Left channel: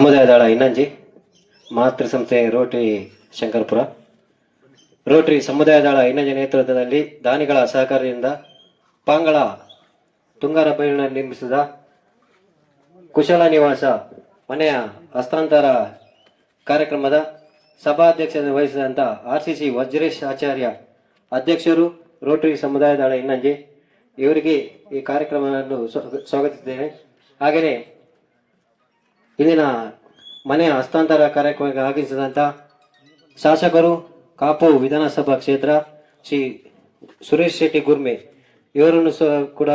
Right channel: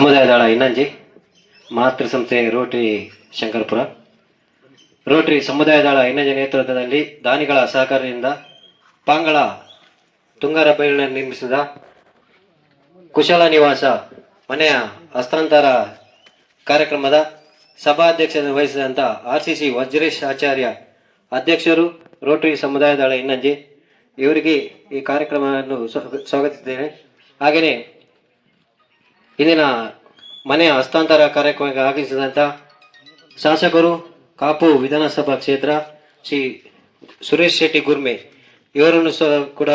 ಸಮುದಾಯ ದಳ ಇನ್ನಂಜಿ ಮಾತೃ ಸಂಸ್ಥೆ ರೋಟರಿ ಶಂಕರಪುರ. ರೋಟರಿ ಸಮುದಾಯ ದಳ ಇನ್ನಂಜಿ ನೇತೃತ್ವದಲ್ಲಿ ದಾನಿಗಳ ಸಹಕಾರದಿಂದ ಪಾಂಗಳ ತುಂಗರಬೈಲಿನಲ್ಲಿ ನಿರ್ಮಿಸಿದ ಕುಶಲ ನಿವಾಸ ಮನೆಯ ಹಸ್ತಾಂತರ ಕಾರ್ಯಕ್ರಮದ ಸಭಾಧ್ಯಕ್ಷತೆ ವಹಿಸಿದಂಥ RCC ವಜ್ರೇಶ್ ಆಚಾರ್ಯ ಅಧ್ಯಕ್ಷರು, ರೋಟರಿ ಸಮುದಾಯ ದಳ ಇನ್ನಂಜಿ ಇವರಿಗೆ ಈ ಕಾರ್ಯಕ್ರಮವನ್ನು ಸ್ವಾಗತಿಸಿದ್ದೇನೆ. ಹಾಗೆಯೇ ಇಂದಿನ ಮನೆಯ ಹಸ್ತಾಂತರ ಕಾರ್ಯಕ್ರಮಕ್ಕೆ ಆಗಮಿಸಿದಂಥ ಶಾಸಕರು, ಕಾಪು ವಿಧಾನಸಭಾ ಕ್ಷೇತ್ರ ಶ್ರೀ ಸುರೇಶ್ ಶೆಟ್ಟಿ ಗುರ್ಮೆ ಇವರನ್ನು ಸಹ ಕೂಡ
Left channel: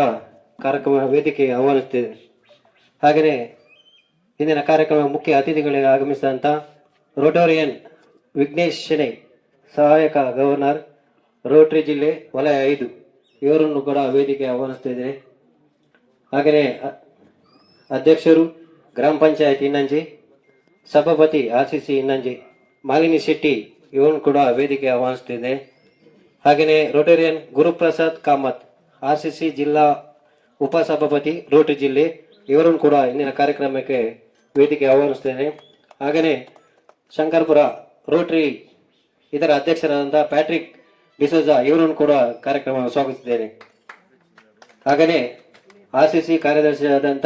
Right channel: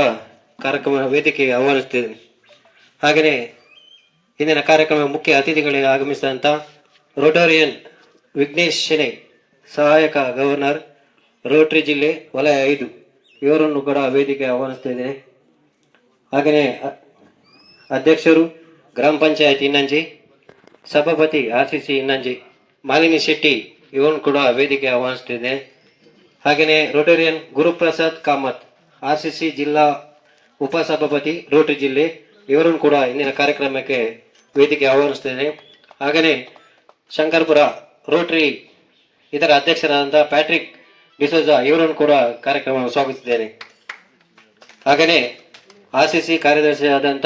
ಕಾರ್ಯಕ್ರಮ ವೇದಿಕೆಗೆ ಆಹ್ವಾನಿಸುತ್ತೇನೆ. ಹಾಗೆಯೇ ಇಂದಿನ ಕಾರ್ಯಕ್ರಮ ಮುಖ್ಯ ಅತಿಥಿಗಳಿಗೆ ಆಗಮಿಸಿದಂಥ ರೋಟರಿಯನ್ ವಿಘ್ನೇಶ್ ಶೆಣೈ, ಸಹಾಯಕ ಗವರ್ನರ್, ರೋಟರಿ ಜಿಲ್ಲೆ ವಲಯ 5 ಇವರನ್ನು ಕೂಡ ವೇದಿಕೆಗೆ ಆಹ್ವಾನಿಸ್ತಾ ಇದ್ದೇನೆ. ಹಾಗೆಯೇ ಅಧ್ಯಕ್ಷರು, ಗ್ರಾಮ ಪಂಚಾಯತ್ ಇನ್ನಂಜಿ, ಸಭಾಪತಿ RCC ಇನ್ನಂಜಿ ಮಾಲಿನಿ ಶೆಟ್ಟಿ ಇವರನ್ನು ಕೂಡ ವೇದಿಕೆ ಆಹ್ವಾನಿಸುತ್ತಿದೆ. ಹಾಗೆಯೇ ರೋಟರಿಯನ್ ಗುರುಪ್ರಸಾದ್ ಕಾಮತ್, RCC ಜಿಲ್ಲಾ ಉಪಸಭಾಪತಿ, ರೋಟರಿ ಜಿಲ್ಲೆ ಇವರನ್ನು ಕೂಡ ಇಂದಿನ ಕಾರ್ಯಕ್ರಮಕ್ಕೆ ವೇದಿಕೆ ಆಹ್ವಾನಿಸುತ್ತೇನೆ. ಹಾಗೆಯೇ ಶಂಕರಪುರ ರೋಟರಿ ಇದರ ಅಧ್ಯಕ್ಷರಾದಂಥ ಪ್ಯಾಟ್ರಿಕ್ ಡಿಸೋಜಾ ಇವರನ್ನು ಕೂಡ ಕಾರ್ಯಕ್ರಮ ಸ್ವಾಗತಿಸಿದ್ದೇನೆ. ಹಾಗೆಯೇ RCC ಕಾರ್ಯದರ್ಶಿಯಾದಂಥ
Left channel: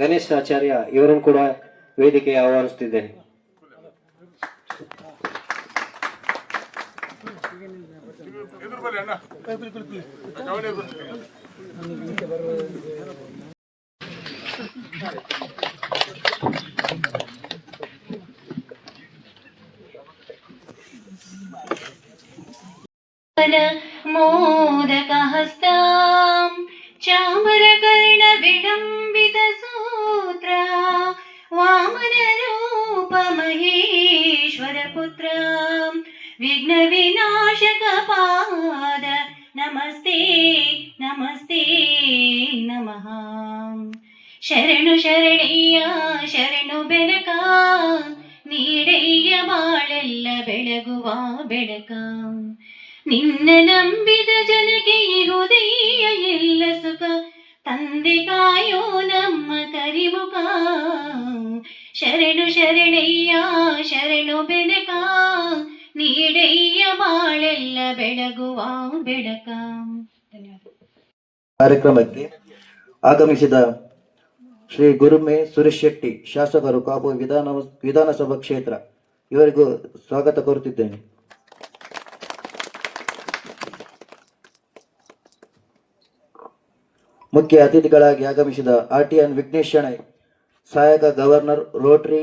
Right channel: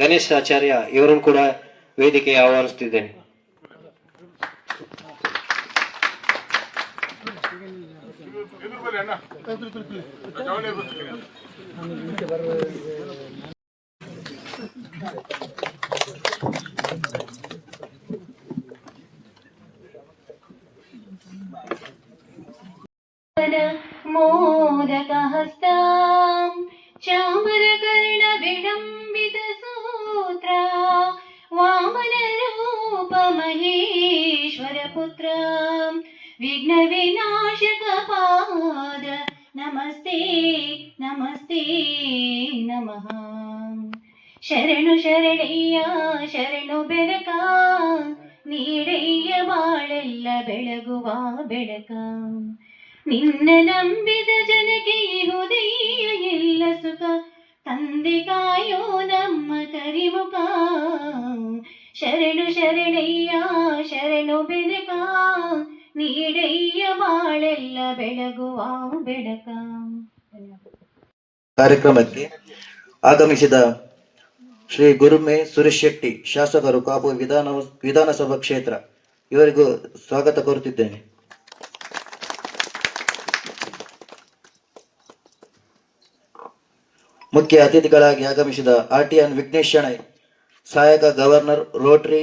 ಗಣೇಶ್ ಆಚಾರ್ಯ ಇವರನ್ನು ಕೂಡ ವೇದಿಕೆಗೆ ಆಹ್ವಾನಿಸುತ್ತಿದ್ದೇನೆ. ಮೋದಕ ಹಸ್ತಾಂ ಚಾಮರಕರ್ಣ ವಿಡಂಬಿತ ಸೂತ್ರ ವಾಮನ ರೂಪ ಮಹೇಶ್ವರ ಪುತ್ರ ವಿಘ್ನ ವಿನಾಶಕ ಪಾದ ನಮಸ್ತೆ ನಮಸ್ತೆ ನಮಃ. ಶರಣು ಶರಣಯ್ಯ ಶರಣು ಬೆಳಕ ನೀಡಯ್ಯ ಬಾಳೆಲ್ಲ ಬೆಳಗುವ ಬೆಳಕ. ನಿನ್ನ ನಂಬಿದ ಜನಕ್ಕೆ ಇಹುದಯ್ಯ ಎಲ್ಲ ಸುಖ ತಂದೆ ಕಾಯೋ ನಮ್ಮ ಕರಿಮುಖ. ಶರಣು ಶರಣಯ್ಯ ಶರಣು ಬೆಳಕ ನೀಡಯ್ಯ ಬಾಳೆಲ್ಲ ಬೆಳಗುವ ಬೆಳಕ. ಕಾರ್ಯಕ್ರಮಕ್ಕೆ ಆಗಮಿಸಿದ ಶ್ರೀ ಗುರುಮೆ ಸುರೇಶ್ ಶೆಟ್ಟಿ, ಶಾಸಕರು, ಕಾಪು ವಿಧಾನಸಭಾ ಕ್ಷೇತ್ರ ಇವರಿಗೂ ಸ್ವಾಗತ ಕೋರುತ್ತಿದ್ದೇನೆ. ಮುಖ್ಯ ಅತಿಥಿಗಳಾಗಿ ಆಗಮಿಸಿದ RTN ವಿಘ್ನೇಶ್ ಶೆಣೈ, ಸಹಾಯಕ ಗವರ್ನರ್, ರೋಟರಿ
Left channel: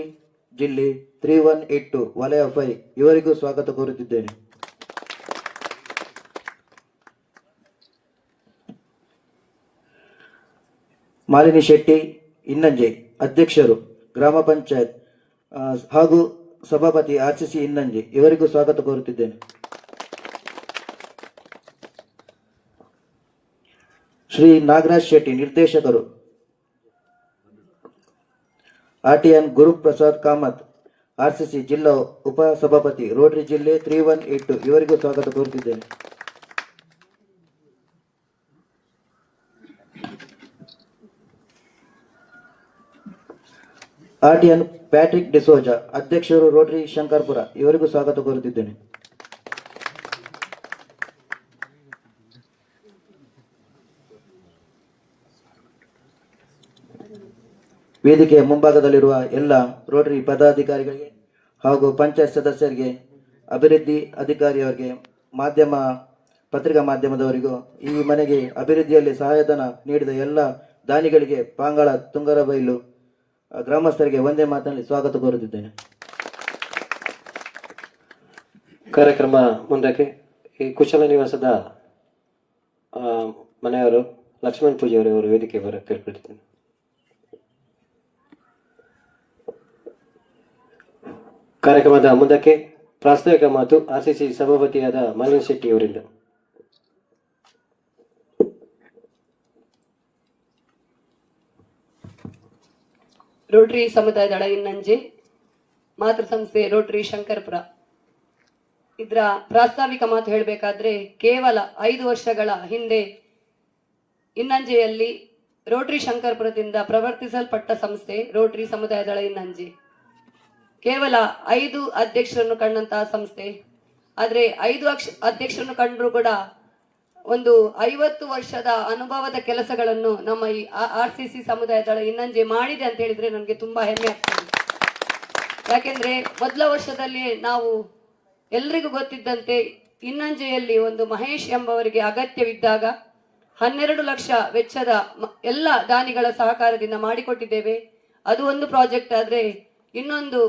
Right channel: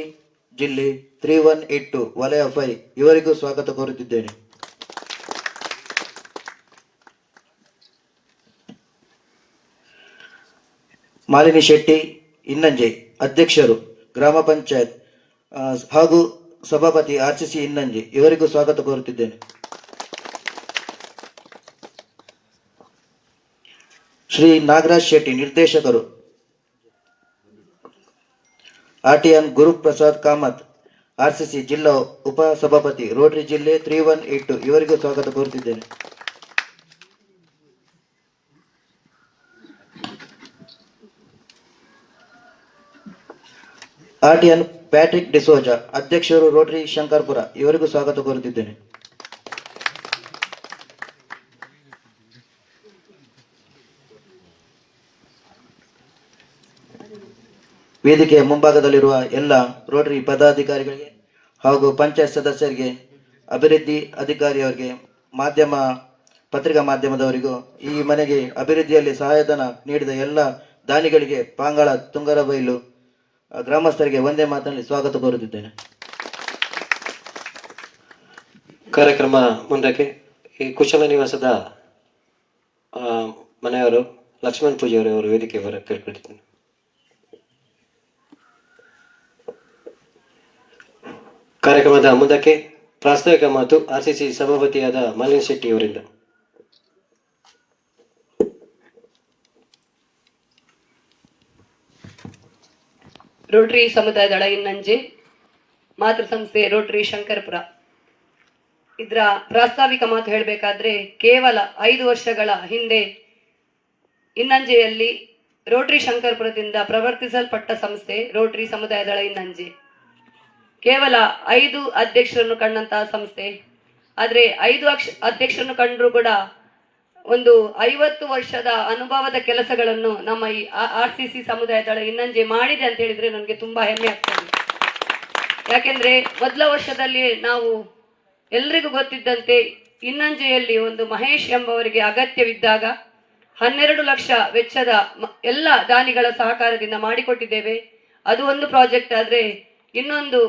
ಜಿಲ್ಲೆ 3182 ವಲಯ 5 ಇವರಿಗೂ ಸ್ವಾಗತ ಕೋರುತ್ತಿದ್ದೇನೆ. ಮಾಲಿನಿ ಶೆಟ್ಟಿ ಇನ್ನಂಜೆ, ಅಧ್ಯಕ್ಷರು, ಗ್ರಾಮ ಪಂಚಾಯತ್ ಹಾಗೂ ಸಭಾಪತಿ RCC ಇನ್ನಂಜೆ ಇವರಿಗೂ ಸ್ವಾಗತ ಕೋರುತ್ತಿದ್ದೇನೆ. ಶ್ರೀ ನಾಗರಾಜ್ ಶೆಟ್ಟಿ, ನಿರ್ದೇಶಕರು, RTN ಗುರುಪ್ರಸಾದ್ ಕಾಮತ್, RCC ಜಿಲ್ಲಾ ಉಪಸಭಾಪತಿ, ರೋಟರಿ ಜಿಲ್ಲೆ 3182 ಇವರಿಗೂ ಸ್ವಾಗತ ಕೋರುತ್ತಿದ್ದೇನೆ. RTN ಪ್ಯಾಟ್ರಿಕ್ ಡಿಸೋಜಾ, ಅಧ್ಯಕ್ಷರು, ರೋಟರಿ ಶಂಕರಪುರ ಇವರಿಗೂ ಸ್ವಾಗತ ಕೋರುತ್ತಿದ್ದೇನೆ. ವೇದಿಕೆಯ ಮುಂಭಾಗದಲ್ಲಿರುವ ಎಲ್ಲ ರೋಟರಿ ಪದಾಧಿಕಾರಿಗಳಿಗೆ ಹಾಗೂ ಪಂಚಾಯತ್ ಸದಸ್ಯರಿಗೆ, ಅಭಿವೃದ್ಧಿ ಅಧಿಕಾರಿಯವರಿಗೆ, ಪತ್ರಿಕಾ ಮಾಧ್ಯಮದವರಿಗೂ, ಈ ಮನೆಗೆ ಅಭಿವೃದ್ಧಿಯಲ್ಲಿ ಸಹಾಯಧನ ನೀಡಿದ ಎಲ್ಲ ದಾನಿಗಳಿಗೆ, ಪಾಂಗಳ ತುಂಗರಬೈಲು ಗ್ರಾಮಸ್ಥರಿಗೆ ಒಂದೇ ಮಾತಿನಲ್ಲಿ ಸ್ವಾಗತ ಕೋರುತ್ತಿದ್ದೇನೆ. ಕಾರ್ಯಕ್ರಮ ಮುಂದಕ್ಕೆ ಈ ಕುಶಲ ನಿವಾಸದ ಮನೆಯವರು ಲಕ್ಷ್ಮಣ್ ಪೂಜಾರಿಯವರು ವೇದಿಕೆ ಬರಕ್ಕೆ ಕೇಳ್ಕೊಳ್ತೀನಿ. ಕಾರ್ಯಕ್ರಮದ ಮುಂದಕ್ಕೆ ಪ್ರಾಸ್ತಾವಿಕ ಮಾತು RCC ಸಭಾಪತಿಯಾದ ಮಾಲಿನಿ ಶೆಟ್ಟಿ ಅವರಿಂದ. ರೋಟರಿ ಸಮುದಾಯ ದಳ ಇನ್ನಂಜೆ, ಮಾತೃ ಸಂಸ್ಥೆ ರೋಟರಿ ಶಂಕರಪುರ ಇದರ ಪ್ರಾಸ್ತಾವಿಕ ಮಾತು ಹೇಳಬೇಕಾದ್ರೆ, ಕೇವಲ 5 ವರ್ಷಗಳ ಹಿಂದೆ ಇನ್ನಂಜೆಯಲ್ಲಿ ರೋಟರಿ ಶಂಕರಪುರದಿಂದ ಪ್ರವರ್ತಿಸಲ್ಪಟ್ಟ ಸಂಸ್ಥೆ ರೋಟರಿ ಸಮುದಾಯ ದಳ ಇನ್ನಂಜೆ. ಕೇವಲ 5 ಅಧ್ಯಕ್ಷರನ್ನು ಕಂಡಂತಹ ಸಂಸ್ಥೆ. ಆದರೆ 5 ಅಧ್ಯಕ್ಷರನ್ನು ಕಂಡರೂ ಕೂಡ ಒಂದು 50 ವರ್ಷದ ಅನುಭವದ ಕೆಲಸಗಳನ್ನು ನಮ್ಮ ಈ RCC ಸಮುದಾಯ ದಳ ಇನ್ನಂಜೆ ಮಾಡಿದೆ ಅಂತ ಹೇಳಿದ್ರೆ ನನಗೆ ತುಂಬಾ ಹೆಮ್ಮೆ ಆಗ್ತದೆ. ಯಾಕೆಂದ್ರೆ ಮೊದಲ ವರ್ಷದಲ್ಲಿ ನಾವು ಎಲ್ರಿಗೂ ಗೊತ್ತಿದ್ದಂತೆ ಇನ್ನಂಜೆಯಲ್ಲಿ ಒಂದು ಮಹೇಶ್ ಎಂಬವರಿಗೆ ಅಗತ್ಯವಿದ್ದಾಗ 12 ಲಕ್ಷ ವೆಚ್ಚದ ಎಲ್ಲ ದಾನಿಗಳ ಸಹಕಾರದಿಂದ ಮಾಡಿಕೊಟ್ಟಿದ್ದೇವೆ. ಅದು ಒಂದು ಪ್ರಾಜೆಕ್ಟ್. ಆದರೆ ಇನ್ನೊಂದು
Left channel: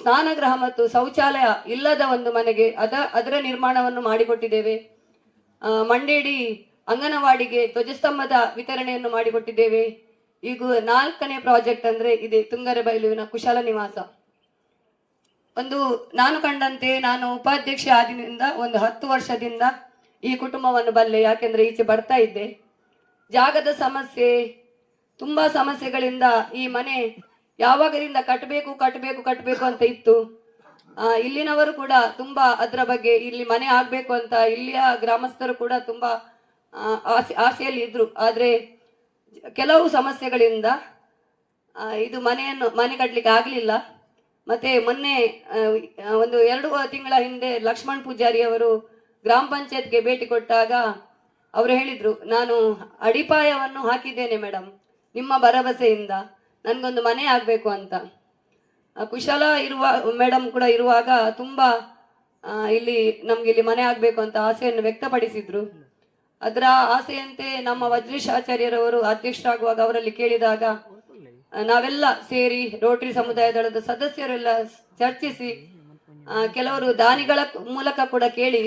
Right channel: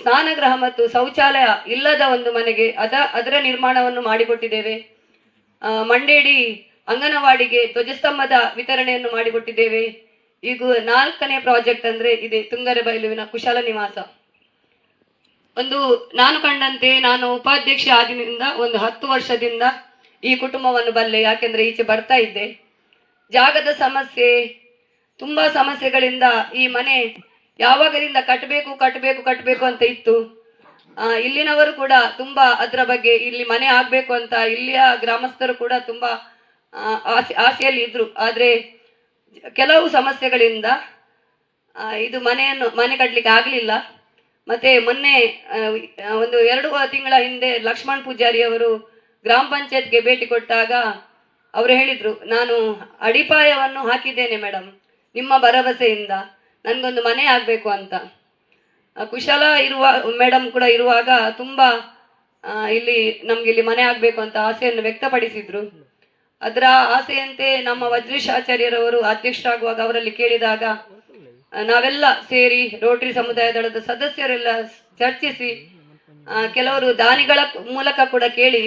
ಸ್ನಾನಗೃಹ ಮತ್ತು ಶೌಚಾಲಯ ಇಲ್ಲದ ಒಂದು ಮನೆಗೆ ಅದರ ನಿರ್ಮಾಣವನ್ನು ಮಾಡಿಕೊಟ್ಟಿದ್ದೇವೆ. ಮಂಡೇಡಿ ಅಂಗನವಾಡಿಗೆ ಧ್ವಜಸ್ತಂಭದ ವಿತರಣೆಯನ್ನು ಮಾಡಿಕೊಟ್ಟಿದ್ದೇವೆ. ಈಗ 4ನೇ ಪ್ರಾಜೆಕ್ಟ್ ಅಂದ್ರೆ ಇದೆ ತುಂಗರಬೈಲುವಿನ ಕುಶಲ ನಿವಾಸ. ನಾನು ಕಂಡಂತೆ ನಾನು ಉಪಾಧ್ಯಕ್ಷ ಆದಿನಿಂದ ಒಂದು 10 ವರ್ಷದಿಂದ ಈ ಕುಟುಂಬವನ್ನು ಬಲ್ಲೆ. ಯಾಕೆಂದ್ರೆ ಈಚೆ ಬರ್ತಾ ಇದ್ದೆ. ಜಾಗದ ಸಮಸ್ಯೆ, ತುಂಬಾ ಸಮಸ್ಯೆಗಳಿಂದ ಈ ಮನೆ ಯಾವಾಗದಿಂದ ಕಟ್ಟಬೇಕು ಅಂತ ಇತ್ತು. ಇಲ್ಲಿನವರು ಕೂಡ ತುಂಬಾ ಅದರ ಬಗ್ಗೆ ಇಲ್ಲಿ ಮನೆ ಆಗ್ಬೇಕು ಅಂತ ಇಲ್ಲಿಯ ಗ್ರಾಮಸ್ಥರು ಕೂಡ ತುಂಬಾ ಆಸೆಯಲ್ಲಿ ಇದ್ರು. ಆದ್ರೆ ಕೆಲವು ಸಮಸ್ಯೆಗಳಿಂದ ಇದು ಮನೆ ಕಟ್ಟಲಿಕ್ಕೆ ಆಗಲಿಲ್ಲ. ಮತ್ತೆ ಮೊನ್ನೆ ಒಂದು 2 ತಿಂಗಳ ಹಿಂದೆ ಲಕ್ಷ್ಮಣ್ ಪೂಜಾರಿ ಅವರು ಗ್ರಾಮ ಪಂಚಾಯತ್ಗೆ ಭೇಟಿ ಕೊಟ್ಟಾಗ ಅವರು ಹೇಳಿದ್ರು, ನಾನು ಅಡಿಪಾಯವನ್ನು ಹಾಕಿದ್ದೇನೆ ಮೇಡಮ್, ನಿಮ್ಮ ಭರವಸೆಯಿಂದ ನನಗೊಂದು ಮನೆ ಆಗಬೇಕು ಅಂತ. ಕುಶಲ ಇರುವ ಮೇಡಮ್ ಕೂಡ ಇರುವಾಗ ತುಂಬಾ ನಮ್ಗೆ ಮನೆ ಆಗಬೇಕು ಅಂತ ಆಸೆಯನ್ನು ವ್ಯಕ್ತಪಡಿಸಿದ್ರು. ಅದರ ಆಸೆಯಂತೆ ನಮ್ಮ ವಜ್ರೇಶ್ ಆಚಾರ್ಯರವರು ಅಧ್ಯಕ್ಷರಾಗುವಾಗ ಅವರಲ್ಲಿ ಕೇಳಿದಾಗ ನಾವೆಲ್ಲ ಸೇರಿ ರೋಟರಿ ಸಮುದಾಯ ದಳದ ಸದಸ್ಯರೆಲ್ಲ ಚರ್ಚಿಸಿ ಕೆಲವರು ದಾನಿಗಳ ಮೂಲಕ ಕೂಡ ಕೇಳಿ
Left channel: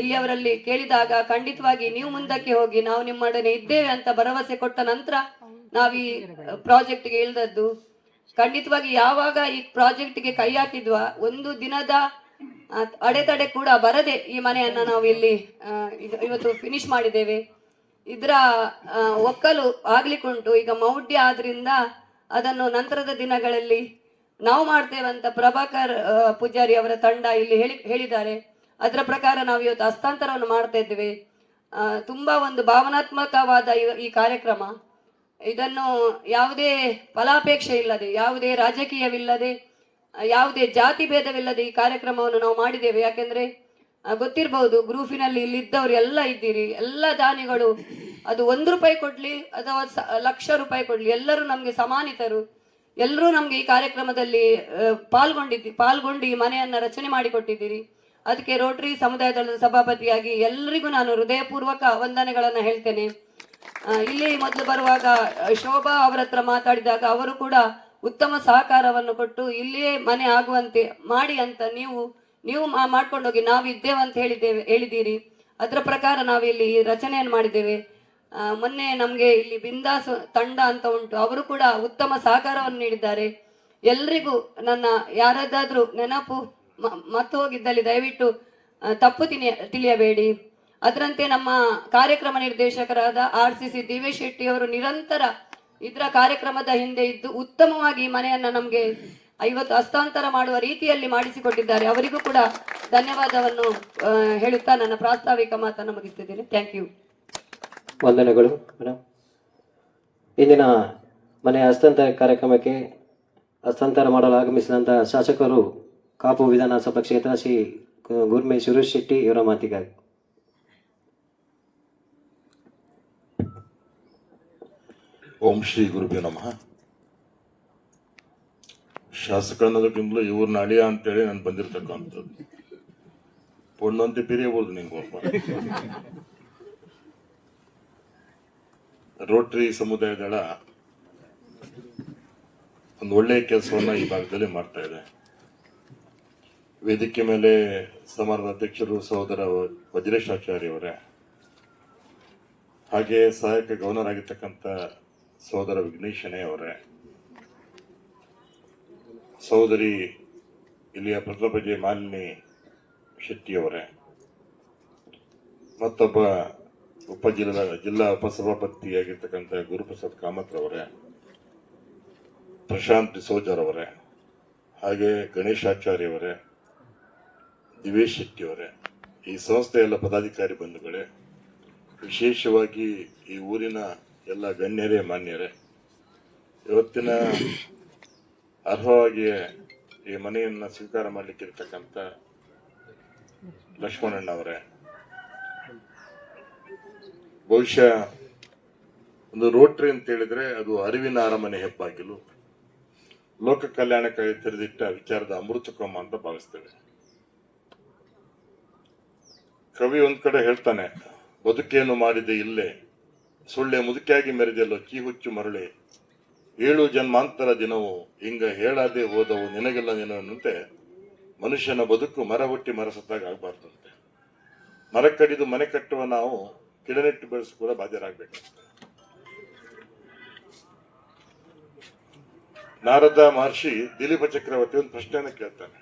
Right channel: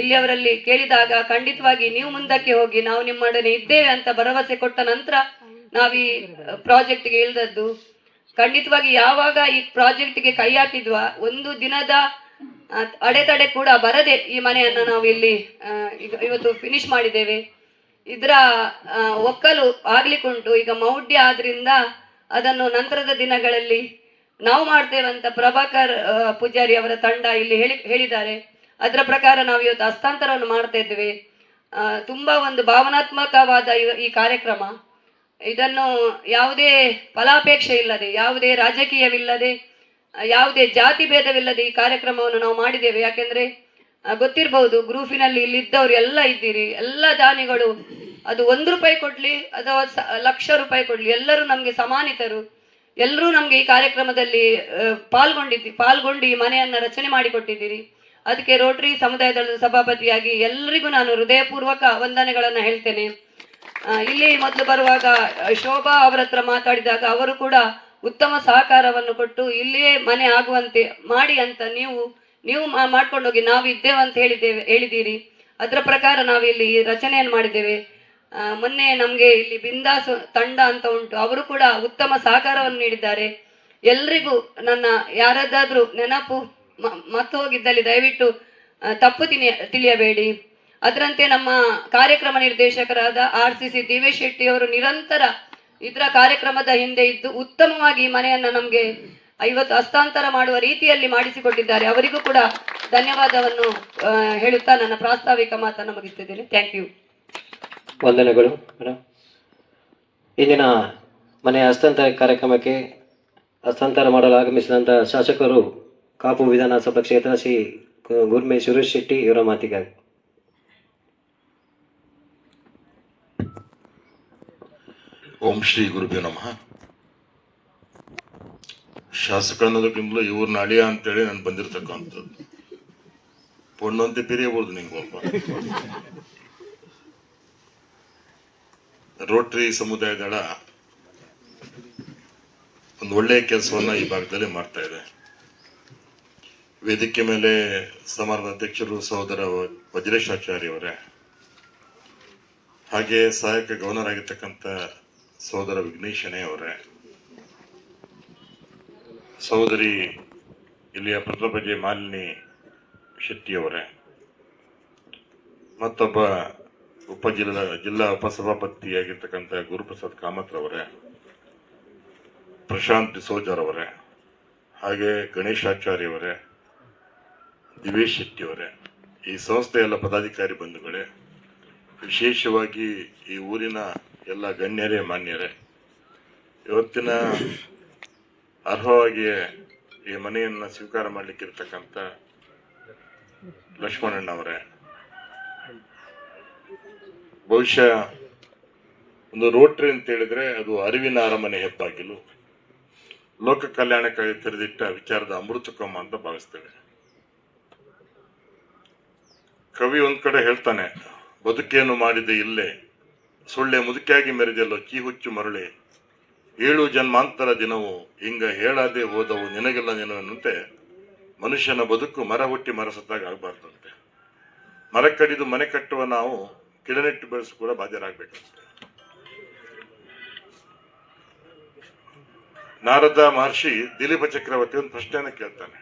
ಇಲ್ಲಿಯವರಲ್ಲಿ ಕೇಳಿದಾಗ ಖಂಡಿತವಾಗಿ ನೀವು ಮುಂದಕ್ಕೆ ಹೋಗಿ ನಾವು ನಿಮ್ಮೊಡನೆ ಇದ್ದೇವೆ ಅಂತ ಭರವಸೆ ಕೊಟ್ಟ ನಂತರ ನಾವು ಈ ಪ್ರಾಜೆಕ್ಟ್ಗೆ ಇಳಿದದ್ದು. ಖಂಡಿತವಾಗಿ ಯಾವಾಗ ಈ ಪ್ರಾಜೆಕ್ಟ್ಗೆ ಕೈ ಹಾಕಿದ್ವಾ ಒಂದು ದಿನದ ಅಡೆತಡೆ ಕೂಡ ಬರದೆ ಈ ಮನೆಯನ್ನ ನಾವು ಇಲ್ಲಿ ಇವತ್ತು ಫಿನಿಶ್ ಮಾಡಿದ್ದೇವೆ. ಇದರ ಒಕ್ಕಲು ಆಗ್ಲಿಕ್ಕುಂಟು. ಈಗ ಮೌಢ್ಯ ಆದ್ರಿಂದ ಅದನ್ನು ನಂತರದ ದಿನಗಳಲ್ಲಿ ನಾವು ಮಾಡ್ತೇವಂತ ಪ್ರಭಾಕರ್ ಪೂಜಾರಿ ಅವರ ತಂಡ ಇಲ್ಲಿ ಹೇಳಿದ್ದಾರೆ. ಅದರ ಪ್ರಕಾರ ನಾವು ಇವತ್ತು ಹಸ್ತಾಂತರವನ್ನು ಮಾಡ್ತಾ ಇದ್ದೇವೆ. ತುಂಬಾ ಒಂದು ಭಾವನಾತ್ಮಕವಾದ ಈ ಕಾರ್ಯಕ್ರಮ. ಇದನ್ನು ಯಾವುದೇ ಫಲಾಪೇಕ್ಷೆ ಇಲ್ಲದೆ, ಯಾವುದೇ ರಾಜಕೀಯವಿಲ್ಲದೆ, ಯಾವುದೇ ಜಾತಿ ಭೇದವಿಲ್ಲದೆ ಈ ಕಾರ್ಯಕ್ರಮವನ್ನು ನಾವು ಮಾಡಿದ್ದೇವೆ. ಯಾಕೆಂದ್ರೆ ಗೊತ್ತಿರಬಹುದು, ಗ್ರೂಪಿನಲ್ಲಿ ಇಲ್ಲಿದ್ದವರು ಎಲ್ಲ ಇದ್ದೀರಿ, ಎಲ್ಲ ದಾನಿಗಳು, ಅದು 1 ರೂಪಾಯಿ ಕೊಡ್ಲಿ ಅಥವಾ ಲಕ್ಷ ರೂಪಾಯಿ ಕೊಡ್ಲಿ, ಎಲ್ಲರೂ ನಮ್ಗೆ ಸಮಾನಿತರು. ಎಲ್ಲರೂ ನಮ್ಗೆ ಈ ಕಾರ್ಯಕ್ರಮದಲ್ಲಿ ಪಾಲ್ಗೊಂಡು ಈ ಮನೆಯನ್ನ ರಚನೆ ಮಾಡಿಕೊಟ್ಟಿದ್ದೀರಿ. ಅದಕ್ಕೆ ರೋಟರಿ ಸಮುದಾಯ ದಳದ ಸಭಾಪತಿಯಾಗಿ ಎಲ್ಲರಿಗೂ ನಾನು ಹೃದಯಪೂರ್ವಕ ವಂದನೆಗಳನ್ನ ಹೇಳ್ತೇನೆ. ಇಲ್ಲಿ ಮೊದಲು ಬರುವಾಗ ಶೋಭಾ ಅವರ ಹತ್ರ ಮಾತಾಡಿದಾಗ ಅವರು ಕೂಡ ಉತ್ತಮ ಸಹಕಾರವನ್ನು ಕೊಟ್ಟು ಇಲ್ಲಿಯೇ ಮನೆ ಆಗುವಂತೆ ಮಾಡಿ ಅಂತ ನೀವು ಮಾಡ್ಕೊಂಡೋಗಿ ನಾವು ಇದ್ದೇವೆ ಅಂತ ಹೇಳಿದ್ದೀರಿ. ಅದರ ಪ್ರಕಾರ ನಾವು ಇಲ್ಲಿ ರಚನೆಯನ್ನು ಮಾಡಿದ್ದೇವೆ. ಮೊನ್ನೆ ನಮ್ಗೆ ಇಲ್ಲಿ ಬಿಂದಾಸ್ ತಂಡ ಅಂತ ಉಂಟು, ಅವರು ಕೂಡ ಉತ್ತಮ ಸಹಕಾರವನ್ನು ನೀಡಿದ್ದಾರೆ. ಎಲ್ರಿಗೂ ನನ್ನ ಯಾರದಾದ್ರೂ ನೆನಪು ಮತ್ತು ಹೋಗಿದ್ದಲ್ಲಿ ದಯವಿಟ್ಟು ತಪ್ಪು ತಿಳಿಯಬೇಡಿ. ಅದರಂತೆ ನಮ್ಮ ಕಾರ್ಯಕ್ರಮ ನಿರ್ದೇಶಕರಾದ RCC ದಿವೇಶ್ ಶೆಟ್ಟಿ ಅವರು ನಿರಂತರ ಇದರ ಕಾರ್ಯಕ್ರಮದ ಹಿಂದೆ ಇದ್ದು ಉತ್ತಮವಾಗಿ ಈ ಮನೆಯನ್ನ ನಮ್ಗೆ 50 ಹಸ್ತಾಂತರ ಮಾಡುವ ರೀತಿಯಲ್ಲಿ ಮಾಡಿಸಿಕೊಟ್ಟಿದ್ದಾರೆ. ಅವರಿಗೂ ಕೂಡ ಧನ್ಯವಾದವನ್ನು ಹೇಳುತ್ತಾ ನನ್ನ ಪ್ರಾಸ್ತಾವಿಕ ಮಾತನ್ನು ಮುಗಿಸ್ತಿದ್ದೇನೆ. Thank you. ವಂದನೆಗಳು ಮೇಡಮ್. ಇಂದಿನ ಮನೆಯ ಹಸ್ತಾಂತರ ಕಾರ್ಯಕ್ರಮಕ್ಕೆ ಹಸ್ತಾಂತರ ಮಾಡಲು ಆಗಮಿಸಿದಂತಹ ಶಾಸಕರು ಕಾಪು ವಿಧಾನಸಭಾ ಕ್ಷೇತ್ರ ಶ್ರೀ ಗುರ್ಮೆ ಸುರೇಶ್ ಶೆಟ್ಟಿ ಇವರ ಮಾತಿಗಾಗಿ. ಓಂ ಶ್ರೀ ಗುರುಭ್ಯೋ ನಮಃ. ಶಾಸಕ ಅನ್ನೋದಕ್ಕಿಂತಲೂ ಇವ್ರನ್ನ ಅಳಿಯ ಅಂತೇಳಿ ನಾನು ಬಂದಿರತಕ್ಕಂಥದ್ದು. ಪೊಣ್ಣಂತೆ ಪಿರಿಯಬಹುದು ನಿಂಗೊಬ್ಬ. ರೋಟರಿ ಸಮುದಾಯ ದಳ ಒಂದು ಒಳ್ಳೆಯ ಕೆಲಸವನ್ನ ಈ ಭಾಗದಲ್ಲಿ ಮಾಡ್ತಾ ಇದೆ. ವೇದಿಕೆ ಮೇಲೆ ಸಮಾರಂಭದ ಅಧ್ಯಕ್ಷರು ಸಹೋದರ ವಜ್ರೇಶ್ ಆಚಾರ್ಯ ಅವರೇ, ಹಾಗೆ ಸಹಾಯಕ ಗವರ್ನರ್ ಆಗಿರ್ತಕ್ಕಂಥ ಸಹೋದರ ವಿಘ್ನೇಶನೇ ಅವರೇ, ಸಹೋದರಿ ಇಲ್ಲಿಯ ಪ್ರಥಮ ಮಾಲಿನಿ ಶೆಟ್ಟಿಯವರೇ, ಮತ್ತೊಬ್ಬ ಜಿಲ್ಲಾ ಉಪಸಭಾಪತಿಯಾಗಿರ್ತಕ್ಕಂಥ ಗುರುಪ್ರಸಾದ್ ಕಾಮತ್ರವರೇ, ಪ್ರಶಾಂತ್ ಡಿಸೋಜರ್ ಅವರೇ, ಹಾಗೆ ಗಣೇಶಾಚಾರ್ಯವರೇ, ದಿವೇಶ್ ಶೆಟ್ಟಿಯವರೇ, ಈ ಸಂಸ್ಥೆಯ ಎಲ್ಲ ಪದಾಧಿಕಾರಿ ಬಂಧುಗಳೇ, ವಿಶೇಷವಾಗಿ ಈ ಊರಿನ ಎಲ್ಲ ಗಣ್ಯರೇ ಮಾನ್ಯರೇ, ಇವತ್ತಿನ ಅರ್ಹವಾಗಿಯೇ ಈ ಮನೆಯನ್ನು ಸ್ವೀಕಾರ ಮಾಡಲಿಕ್ಕಿರ್ತಕ್ಕಂಥ ಲಕ್ಷ್ಮಣಣ್ಣವರೇ, ಬಹುಶಃ ಒಂದು ರೋಟ್ರಿ ಅಂತ ಹೇಳಿದ್ರೆ ಅದು ಅರಿವಿನ ಅರಮನೆ ಹೆಬ್ಬಾಗಿಲು, ಲೋಕ ಕಲ್ಯಾಣಕ್ಕಾಗಿ ತೆರೆದಿಟ್ಟ ವಿಚಾರದ ಅಮೃತಕೊಮ್ಮ ಅಂತ ಭಾವಿಸ್ತೇವೆ. ಕವಿ ಒಂದ್ ಕಡೆ ಹೇಳ್ತಾನೆ, ಬದುಕೇನು ಮಾಡಿದೆ ಇಲ್ಲೇ, ಸುಳ್ಳೆ ಮುದುಕಿಯಾಗಿ ಮೆರೆದೆಲ್ಲೋ ಕೀಹುಚ್ಚು ಮರಳೆ, 7 ಜನ್ಮಾಂತರ ದಿನವು ಹಿಂಗ ಹೇಳಾದೆ ಹೋದವು ನಿನಗೆಲ್ಲ ನೆನವಂತೆ, ಮನುಷ್ಯನ ಬದುಕು ಮರ ಹುಟ್ಟಿ ಮರ ಸತ್ತಾಗ ಆಗಬಾರ್ದಂತೆ. ಮರ ಕಡಿದು ಮನೆ ಕಟ್ಟುವ ನಾವು ಗಿಡನೆಟ್ಟು ಬೆಳೆಸು ಕೂಡ ಬಾಧ್ಯರಾಗಬೇಕಂತೆ. ನಾರದ ಮಹರ್ಷಿ ದಿಲೀಪ ಚಕ್ರವರ್ತಿ ಒಂದು ಪ್ರಶ್ನೆಯನ್ನು ಕೇಳ್ತಾನೆ,